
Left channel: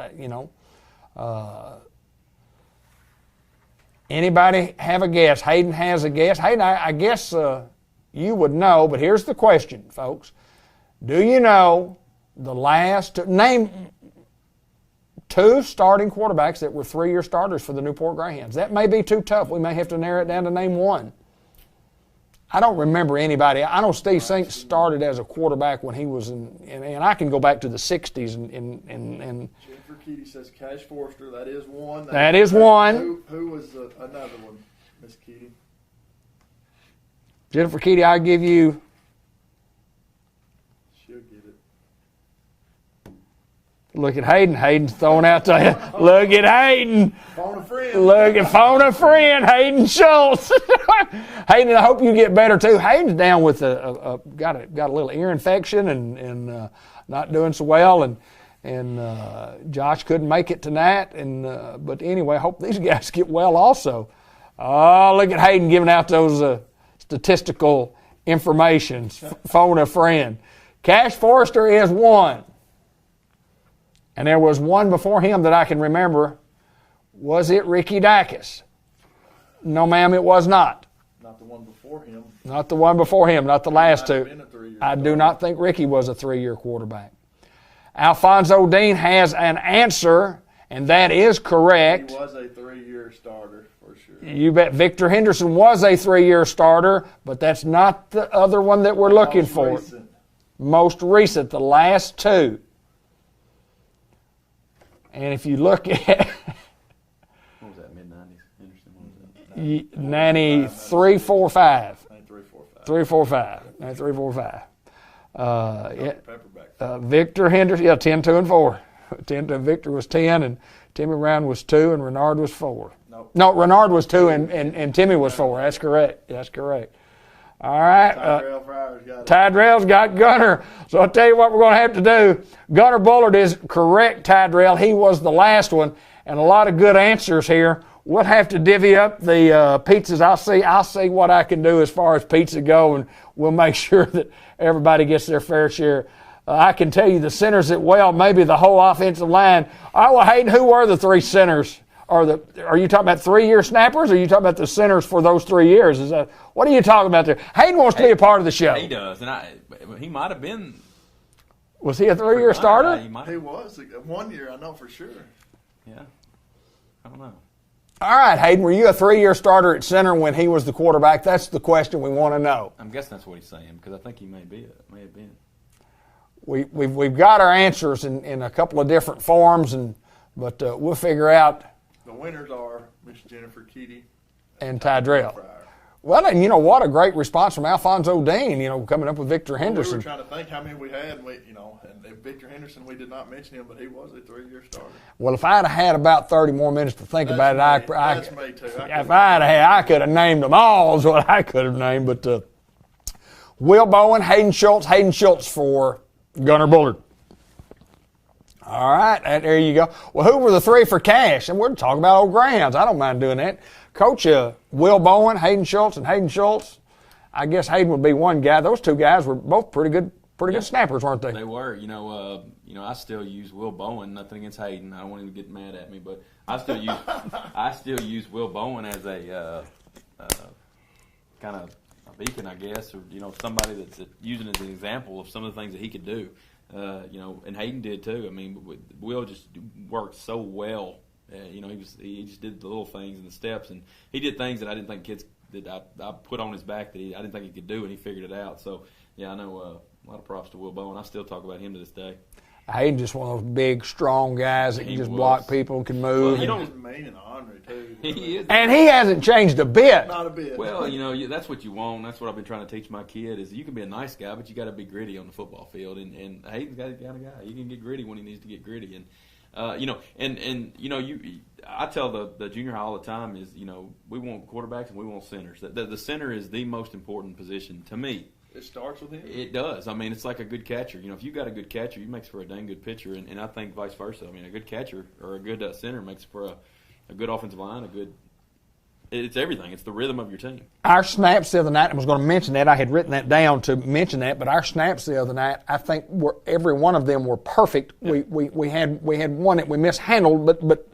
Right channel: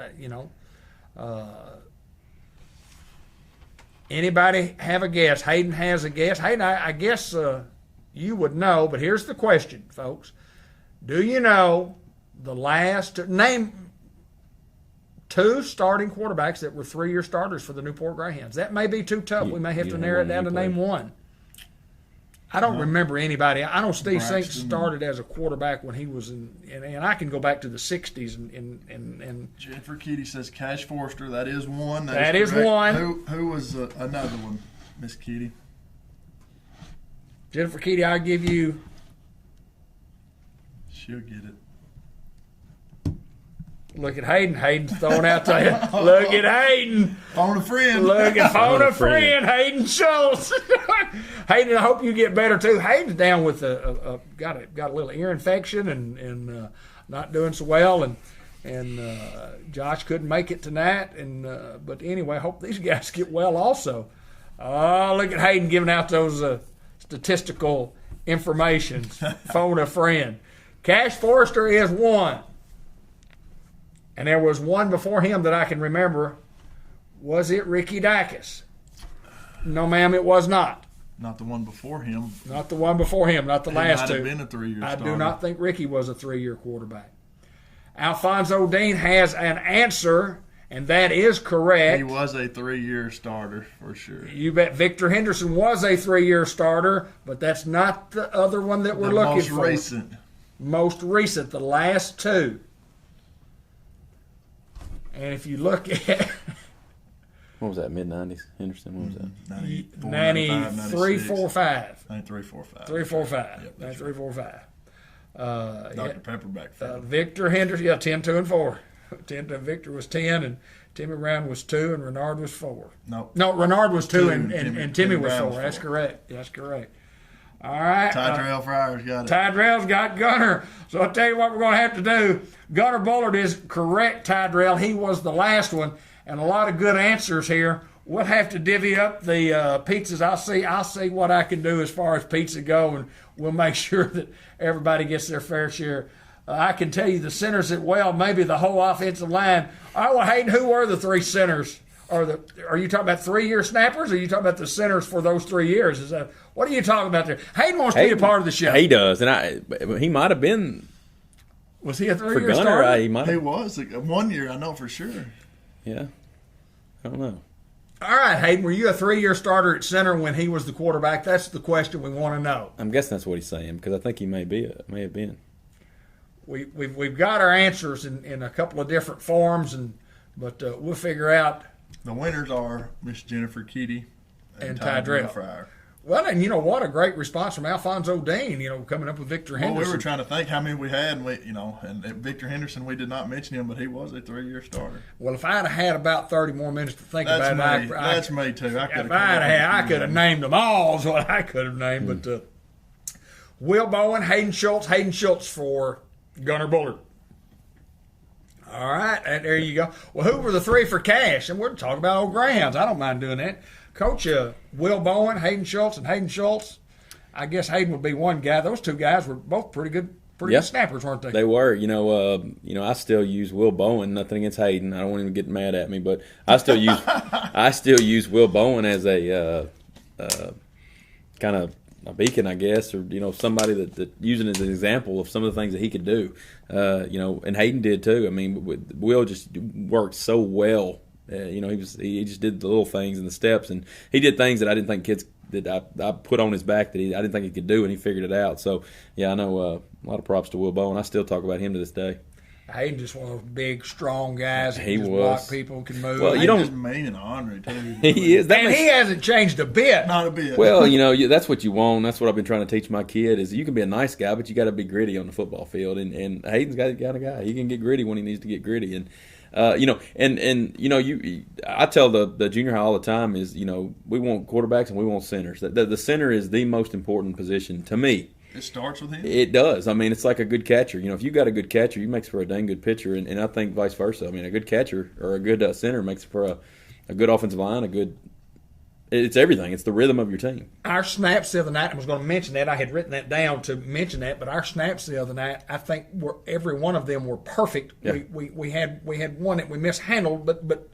anybody have a guess? Hayden has a guess. Hayden, I guess you would know, but here's the question, folks. Do you know the last, name 2 starting quarterbacks that were 3-year starters for the Newport Greyhounds. That may be too tough. We may have to narrow it down to name one. I don't remember anybody. I know Steve Sink started as a quarterback when he was in, and I can go back to the 60s. And Jennifer Kitty says Cash Forster. That is one. That is one. Who was another one, Miss Kitty? Jennifer Kitty, I'll give you. She'll get it. Look at Hayden. Hayden's throwing out there. Look at Hayden. Phone a friend. Look at phone a friend. Hayden Schultz. Hayden, I hope you get better too. Hayden's down with got a little ear infection and not doing so well, and Josh couldn't make it tonight. But anyway, I hope these guys get well also. Oh, look at Hayden giving out those statistical information. Phone a friend. Cash Forrester is one. And there was one before him that I can remember. Was it Ricky Dacus? No, ma'am, it was not. Not the one before him. Not the one before him, not the last two. Been a 3-year I starter. do not think Ricky was a 3-year quarterback. Alfonso Dean has an answer, and that is correct. He was a 3-year starter for sure. You bet Victor Henderson was a 3-year starter, but that's not the other one that we're looking for. Most recent, the last two. And if you look at what was that, mid-90s? Henderson, what was that? 93, 4, 5. 93, 4, 5. 3, 4, 5. 93, 4, 5. Dr. Pepperback. Victor Henderson, 10, 2, and 4. Victor was 10, and Timmy Brown was 2, and Renard was 4. No, Renard was 2, and Timmy was 4. That's correct. That's correct. All right. Tyrell Fryer's got it. Tyrell's got Gunner. So I'll tell you what we're going to have to do. Gunner Bullard is correct, Tyrell. He was the last one, and a lot of good answers here. We'll have to divvy up the pizzas. I'll see what I can do as far as pizza go, and we'll make sure that everybody gets their fair share. I can tell you the centers that maybe the whole offensive line. All right, well, Hayden, who were the 3 centers? Are you talking about 3-year snappers, or are you talking about the centers for those 3 years? What are you talking about there? Hayden wants to be a part of the show. He does, and he might have been. Was he a 3-year starter? He was. 1 year, I know for sure. Yeah. I don't know. All right, Hayden, were you a 3-year starter at center when he was the quarterback? That's the question we want to know. I'm guessing that's what he's saying, because I think he may have been. We've got our answers in a couple of different forms, but we'll figure out. The winners are Miss Jennifer Kitty and Tyrell. Well, and you know what? A great response from Alfonso Dean, coming up with Victor Henderson. We were trying to think how many we had, and Victor Henderson, we did not mention him, but he was a 3-year starter. Well, if I'd have had about 30 more minutes to think about it, that's me too. If I could have named them all is what I could have named. But Will Bowen, Hayden Schultz for Gunner Bullard. All right, there you go. Well, who were the 3 for cash? And we're talking about old Greyhounds. I don't mind doing that. Coach, Will Bowen, Hayden Schultz. I guess Hayden would be one guy. Those 2 guys were both pretty good snappers, weren't they? They were. I still use Will Bowen. Nothing against Hayden. I don't want him to get mad at me, but I still use Will Bowen as a kind of a beacon, I guess, or somebody that using as an example of some of the things that he could do. And Hayden did too. I mean, Will just worked so well. He just did the little things and the steps, and he did things that I didn't think kids that I put on his back that I didn't think he could do, and he figured it out. So yeah, I know a lot of props to Will Bowen. I still talk about him to this day. Hayden just one of those big, strong guys that can just block people, can move. Well, you don't. He's mean and ornery too. He is, and he hasn't changed a bit. Not a bit. Well, that's what you want. That's what I've been trying to teach my kid is you can be a nice guy, but you got to be gritty on the football field. And Hayden's got a guy. He can get gritty when he needs to get gritty. And I tell the junior high all the time is we want quarterbacks and we want centers. The center is the most important position to me. It starts with him? It does. I mean, it's like a good catcher. If you got a good catcher, he makes for a dang good pitcher, and I think vice versa. I mean, a good catcher or a good center makes for a good offensive line, it's everything. It's the rhythm of your team. Our snaps the other night, I was going to mention that. I had written that down to mention that, but our snaps the other night, I think every one of them were perfect. Yeah. We had one that we mishandled, but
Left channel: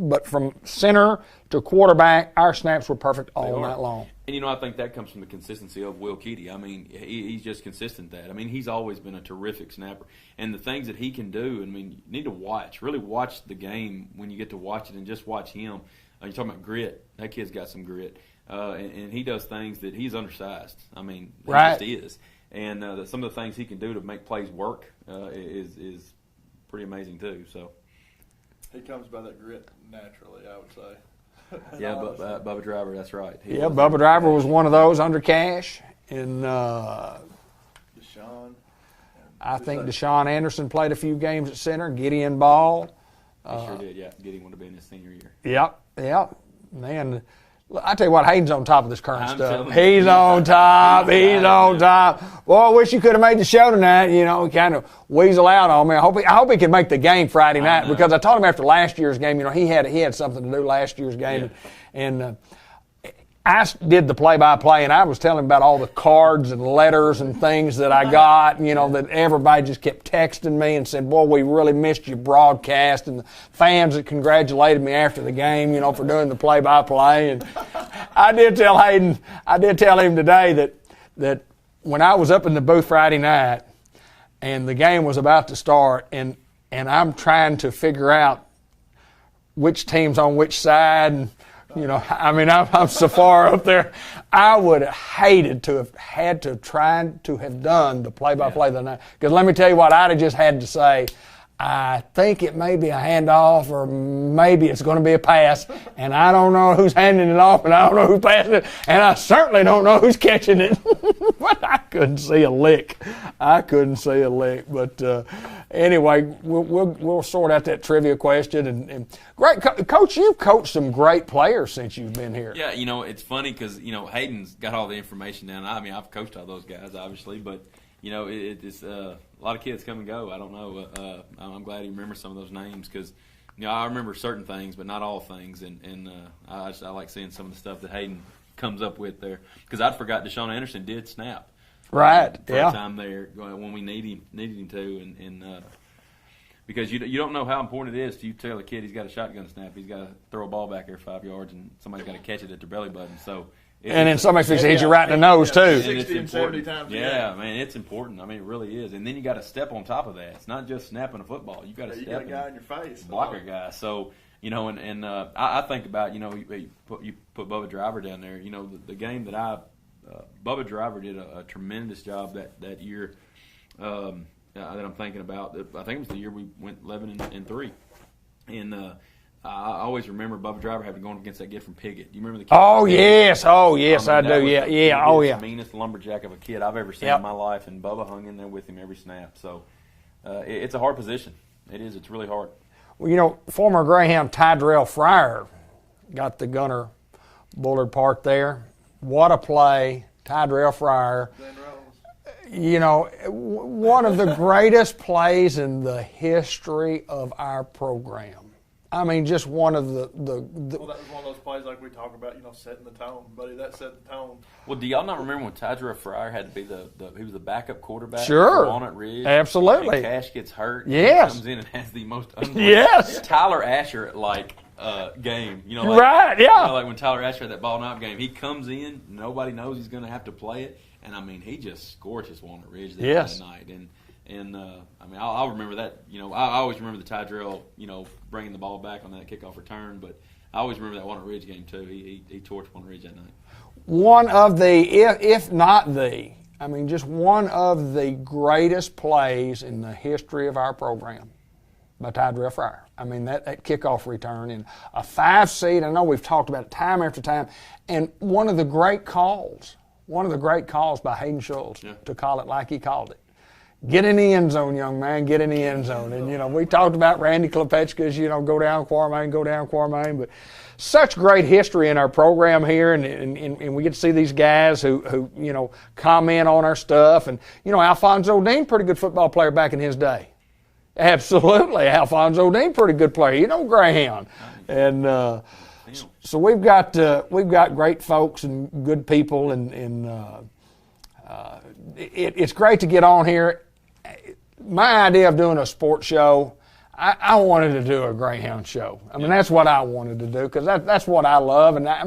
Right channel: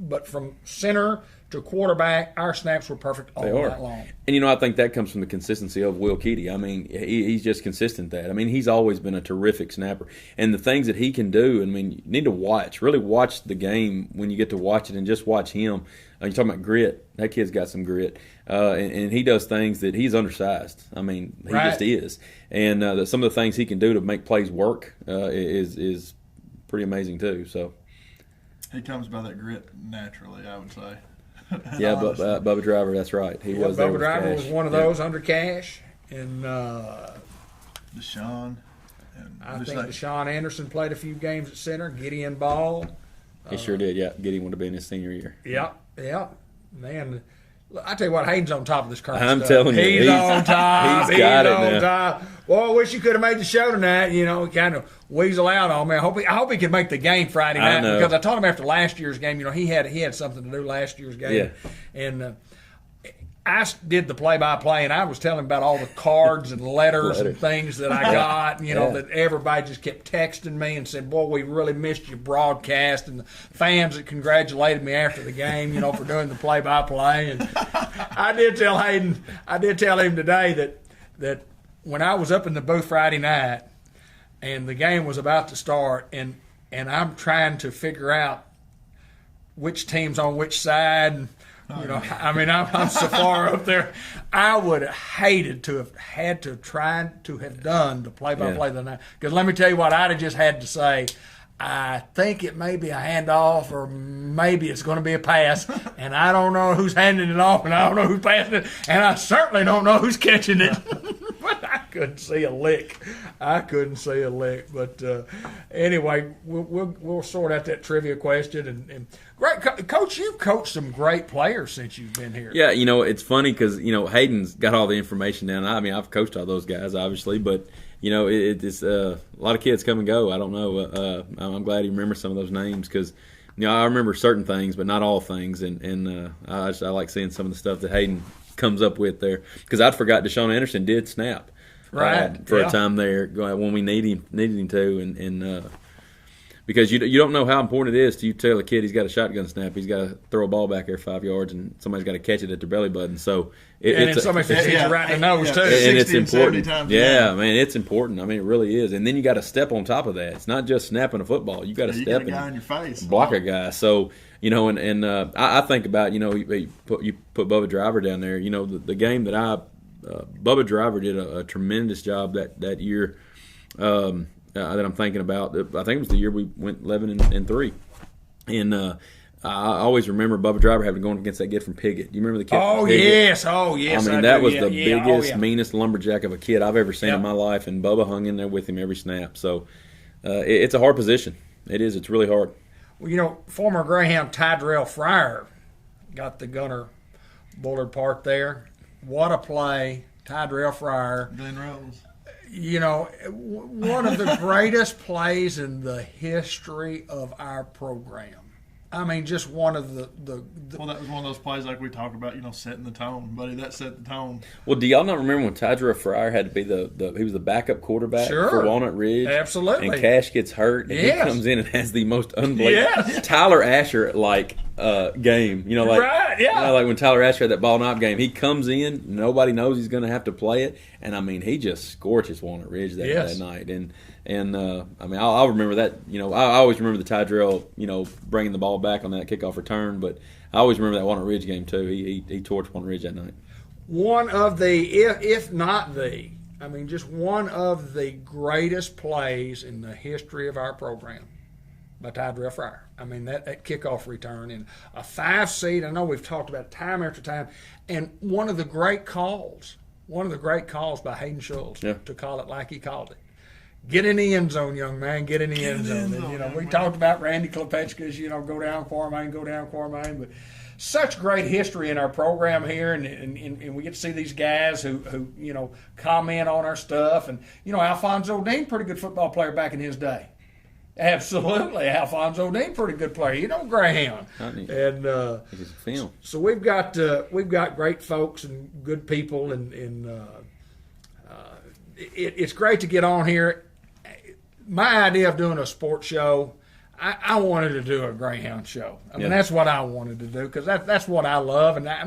but from center to quarterback, our snaps were perfect all night long. And, I think that comes from the consistency of Will Keedy. I mean, he's just consistent at that. I mean, he's always been a terrific snapper. And the things that he can do, I mean, you need to really watch the game when you get to watch it and just watch him. You're talking about grit. That kid's got some grit. And he does things that he's undersized. I mean, he just is. And some of the things he can do to make plays work is pretty amazing too. So he comes by that grit naturally, I would say. Yeah, Bubba Driver, that's right. Bubba Driver was one of those under Cash. And Deshaun. I think Deshaun Anderson played a few games at center. Gideon Ball. He sure did, yeah. Gideon would have been his senior year. Yep. Man, I tell you what, Hayden's on top of this current stuff. I'm telling you. He's on top. He's on top. Well, I wish you could have made the show tonight. He kind of weasel out on me. I hope he can make the game Friday night, because I told him after last year's game, he had something to do last year's game. Yeah. And I did the play-by-play, and I was telling him about all the cards and letters and things that I got, that everybody just kept texting me and said, boy, we really missed your broadcast, and the fans that congratulated me after the game, for doing the play-by-play. And I did tell him today that when I was up in the booth Friday night and the game was about to start, and I'm trying to figure out which team's on which side, and I'm so far up there. I would have hated to have had to try to have done the play-by-play the night. Because let me tell you what, I'd have just had to say, I think it may be a handoff, or maybe it's going to be a pass, and I don't know who's handing it off, and I don't know who's passing it, and I certainly don't know who's catching it. But I couldn't see a lick. But anyway, we'll sort out that trivia question. And great, Coach, you've coached some great players since you've been here. Yeah, it's funny because Hayden's got all the information down. I mean, I've coached all those guys, obviously, but it's a lot of kids come and go. I don't know. I'm glad you remember some of those names because I remember certain things, but not all things. And I like seeing some of the stuff that Hayden comes up with there, because I'd forgot Deshaun Anderson did snap. Right. For a time there when we needed him to, and because you don't know how important it is to you tell a kid he's got a shotgun snap, he's got to throw a ball back there 5 yards, and somebody's got to catch it at their belly button. So then somebody's going to hit you right in the nose too. And it's important. Yeah, man, it's important. I mean, it really is. And then you got to step on top of that. It's not just snapping a football. You got to step and block a guy. So I think about you put Bubba Driver down there. The game that Bubba Driver did a tremendous job that year that I'm thinking about. I think it was the year we went 11-3, and I always remember Bubba Driver having to go against that kid from Piggott. Do you remember the kid? Oh yes, I mean, that was the biggest, meanest lumberjack of a kid I've ever seen in my life, and Bubba hung in there with him every snap. So it's a hard position. It is. It's really hard. Well, former Greyhound Tyrell Fryer got the Gunner Bullard part there. What a play, Tyrell Fryer. Glenn Rose. One of the greatest plays in the history of our program. I mean, just one of the Well, that was one of those plays like we talk about, setting the tone, buddy. That set the tone. Well, do y'all not remember when Tyrell Fryer had to be he was the backup quarterback for Walnut Ridge? Absolutely. And Cash gets hurt. And yes. He comes in and has the most unbelievable Tyler Asher game. Right, yeah. Like when Tyler Asher had that ball knock game, he comes in, nobody knows he's going to have to play it, and I mean, he just scorches Walnut Ridge that night. And I mean, I'll remember that. I always remember the Tyrell, bringing the ball back on that kickoff return. But I always remember that Walnut Ridge game too. He torched Walnut Ridge that night. One of the, if not the, just one of the greatest plays in the history of our program by Tyrell Fryer. I mean, that kickoff return and a 5-seed. I know we've talked about it time after time, and one of the great calls by Hayden Schultz to call it like he called it. Get in the end zone, young man. Get in the end zone. And, we talked about Randy Klepechka's, go down Quartermain. But such great history in our program here, and we get to see these guys who comment on our stuff. And, Alfonso Dean, pretty good football player back in his day. Absolutely. Alfonso Dean, pretty good player. Greyhound. And so we've got great folks and good people, and it's great to get on here. My idea of doing a sports show, I wanted to do a Greyhound show. I mean, that's what I wanted to do because that's what I love. And I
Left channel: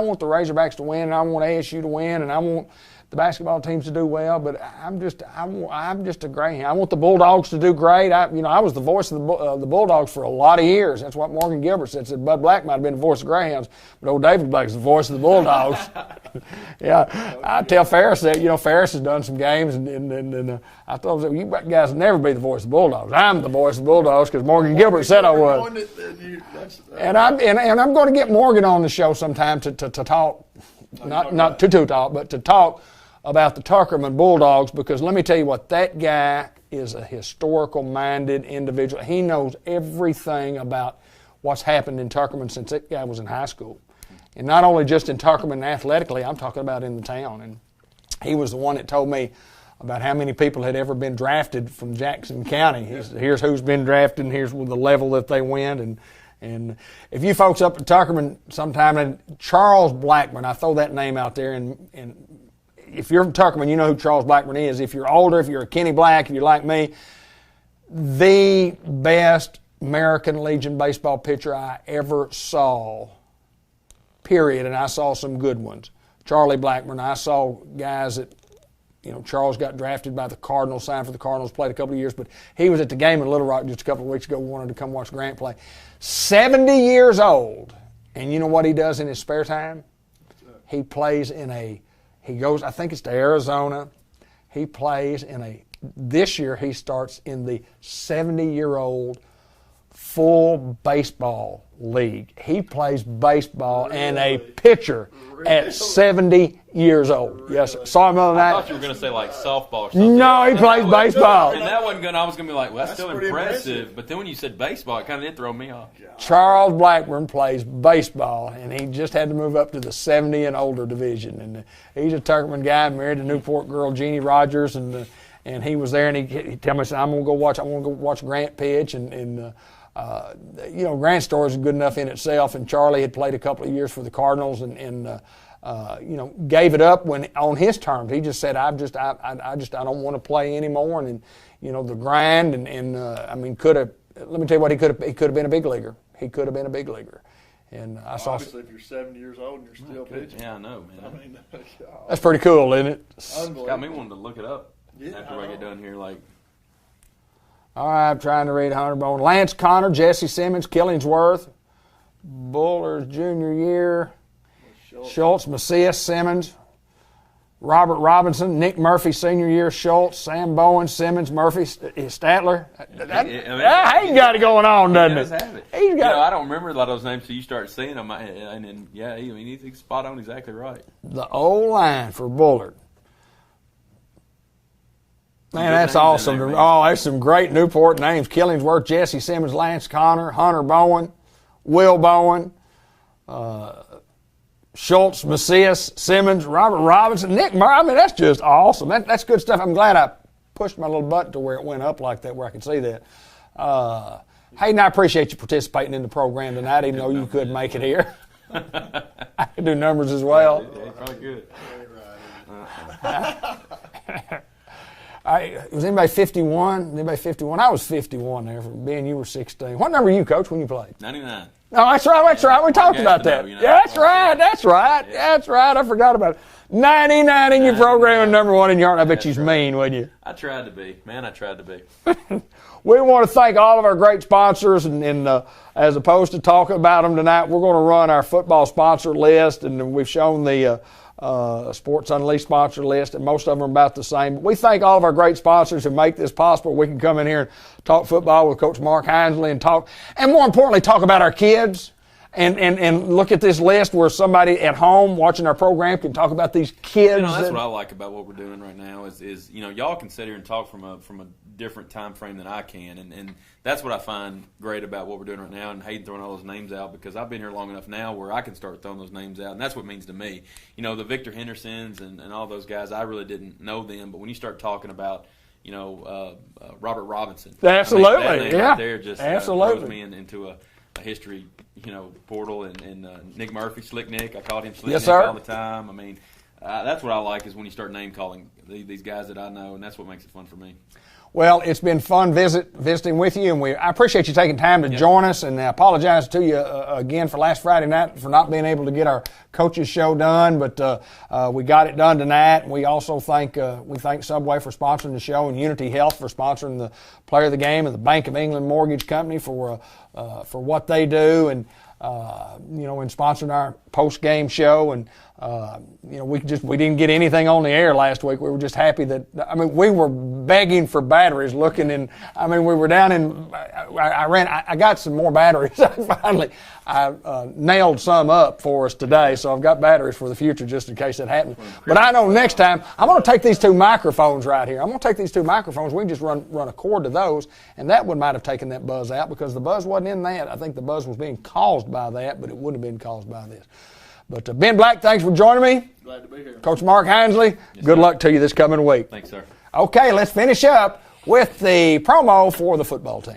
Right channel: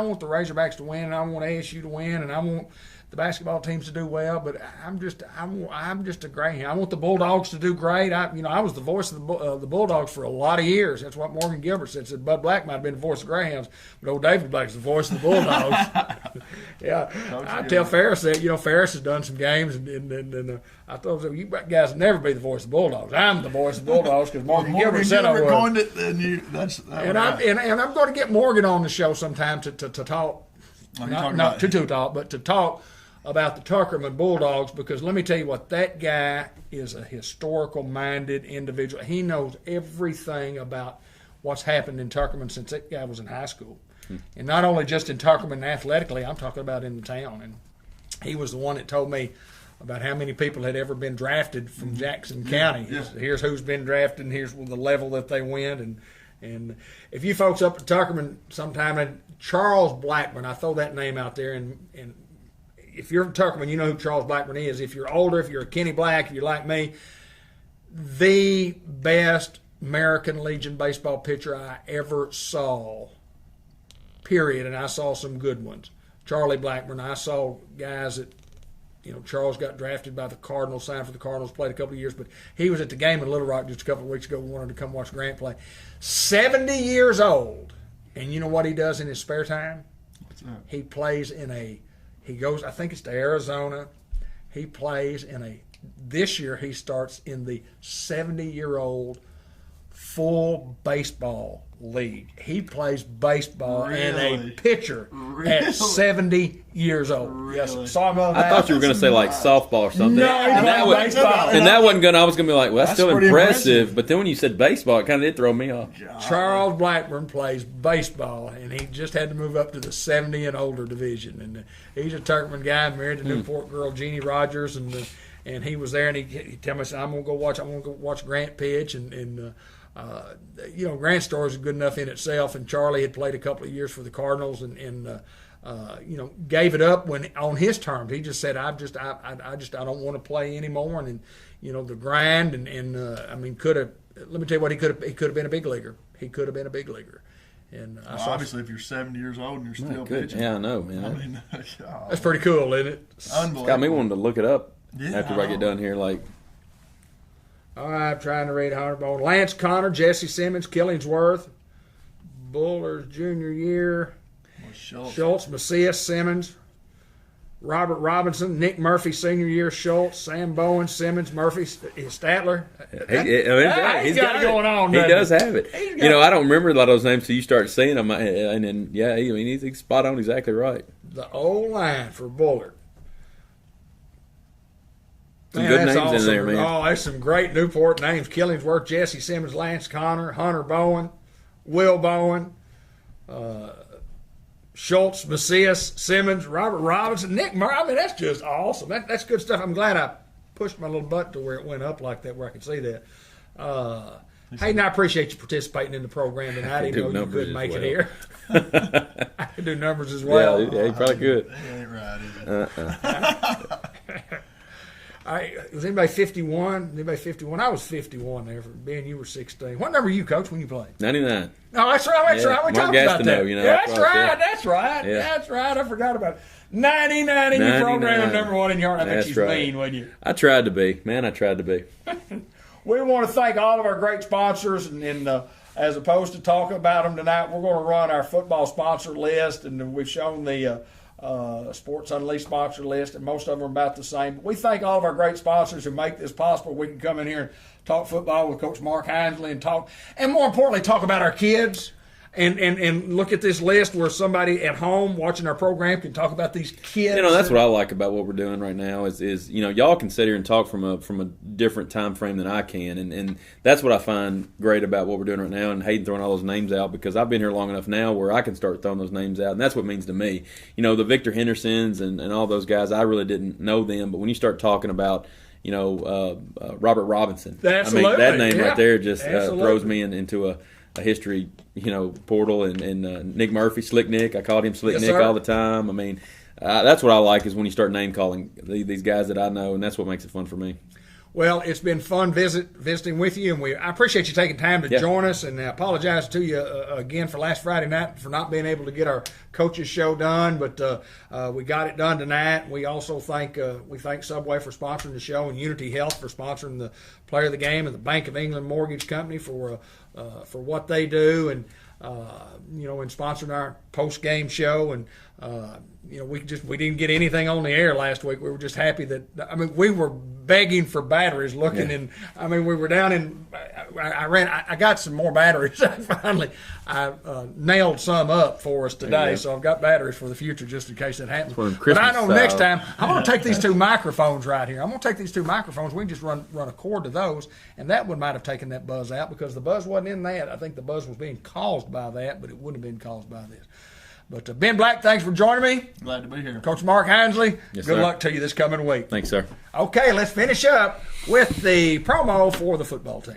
want the Razorbacks to win, and I want ASU to win, and I want the basketball teams to do well. But I'm just a Greyhound. I want the Bulldogs to do great. I was the voice of the Bulldogs for a lot of years. That's what Morgan Gilbert said. Said Bud Black might have been the voice of Greyhounds, but old David Black's the voice of the Bulldogs. Yeah, I tell Ferris that. Ferris has done some games, and I told him, you guys will never be the voice of the Bulldogs. I'm the voice of the Bulldogs because Morgan Gilbert said I was. And I'm going to get Morgan on the show sometime to talk, not to talk, but to talk about the Tuckerman Bulldogs, because let me tell you what, that guy is a historical-minded individual. He knows everything about what's happened in Tuckerman since that guy was in high school. And not only just in Tuckerman athletically, I'm talking about in the town. And he was the one that told me about how many people had ever been drafted from Jackson County. Here's who's been drafted, and here's the level that they went. And if you folks up to Tuckerman sometime, and Charles Blackburn, I throw that name out there, and if you're from Tuckerman, you know who Charles Blackburn is. If you're older, if you're a Kenny Black, if you're like me, the best American Legion baseball pitcher I ever saw, period, and I saw some good ones. Charlie Blackburn, I saw guys that, Charles got drafted by the Cardinals, signed for the Cardinals, played a couple of years, but he was at the game in Little Rock just a couple of weeks ago, wanted to come watch Grant play. 70 years old, and you know what he does in his spare time? He plays he goes, I think it's to Arizona. He plays this year he starts in the 70-year-old full baseball league. He plays baseball and a pitcher at 70 years old. Really? Yes, saw him the other night. I thought you were going to say like softball or something. No, he plays baseball. And that wasn't going. I was going to be like, well, that's still pretty impressive. But then when you said baseball, it kind of did throw me off. Charles Blackburn plays baseball, and he just had to move up to the 70 and older division. And he's a Tuckerman guy, married to Newport girl Jeannie Rogers, and he was there, and he told me, I'm going to go watch Grant pitch, and Grant's story is good enough in itself, and Charlie had played a couple of years for the Cardinals, and gave it up when on his terms. He just said, I don't want to play anymore, and the grind, let me tell you what, he could have been a big leaguer. He could have been a big leaguer. And obviously, if you're 70 years old and you're still pitching, yeah, I know, man. That's pretty cool, isn't it? Unbelievable. Got me wanting to look it up after I get done here. Like, all right, I'm trying to read Hunter Bone. Lance Connor, Jesse Simmons, Killingsworth, Buller's junior year, Schultz, Macias, Simmons, Robert Robinson, Nick Murphy, senior year, Schultz, Sam Bowen, Simmons, Murphy, Statler. He's got it going on, doesn't he? He does have it. I don't remember a lot of those names, so you start saying them, and then, he's spot on, exactly right. The old line for Bullard. Man, that's awesome. There, man. Oh, that's some great Newport names. Killingsworth, Jesse Simmons, Lance Connor, Hunter Bowen, Will Bowen, Schultz, Macias, Simmons, Robert Robinson, Nick Murray. That's just awesome. That's good stuff. I'm glad I pushed my little button to where it went up like that, where I could see that. Hayden, I appreciate you participating in the program tonight, even though you couldn't make it here. I can do numbers as well. Yeah, you probably could. Was anybody 51? Anybody 51? I was 51 there. Ben, you were 16. What number were you, Coach, when you played? 99. Oh, that's right. That's right. We talked about that. That's right. That's right. Yeah. That's right. I forgot about it. 99 in your program and number 1 in your heart. I bet you're mean, wouldn't you? I tried to be. Man, I tried to be. We want to thank all of our great sponsors, and as opposed to talking about them tonight, we're going to run our football sponsor list, and we've shown the Sports Unleashed sponsor list, and most of them are about the same. But we thank all of our great sponsors who make this possible. We can come in here and talk football with Coach Mark Hinsley and more importantly, talk about our kids. And look at this list where somebody at home watching our program can talk about these kids. That's what I like about what we're doing right now is y'all can sit here and talk from a different time frame than I can, and that's what I find great about what we're doing right now. And Hayden throwing all those names out, because I've been here long enough now where I can start throwing those names out, and that's what it means to me. The Victor Hendersons and all those guys, I really didn't know them, but when you start talking about Robert Robinson, absolutely, that name right there just throws me into a history, portal, and Nick Murphy, Slick Nick. I called him Slick Nick all the time. That's what I like, is when you start name calling these guys that I know, and that's what makes it fun for me. Well, it's been fun visiting with you, and I appreciate you taking time to join us. And I apologize to you again for last Friday night for not being able to get our coaches show done, but we got it done tonight. And we also thank Subway for sponsoring the show, and Unity Health for sponsoring the Player of the Game, and the Bank of England Mortgage Company for what they do, and and sponsoring our post game show. And we didn't get anything on the air last week. We were just happy that, we were begging for batteries looking in. We were down in, I got some more batteries. I nailed some up for us today, so I've got batteries for the future just in case it happens. But I know next time, I'm going to take these 2 microphones right here. I'm going to take these 2 microphones. We can just run a cord to those, and that one might have taken that buzz out because the buzz wasn't in that. I think the buzz was being caused by that, but it would have been caused by this. But Ben Black, thanks for joining me. Glad to be here. Coach Mark Hinesley, good luck to you this coming week. Thanks, sir. Okay, let's finish up with the promo for the football team.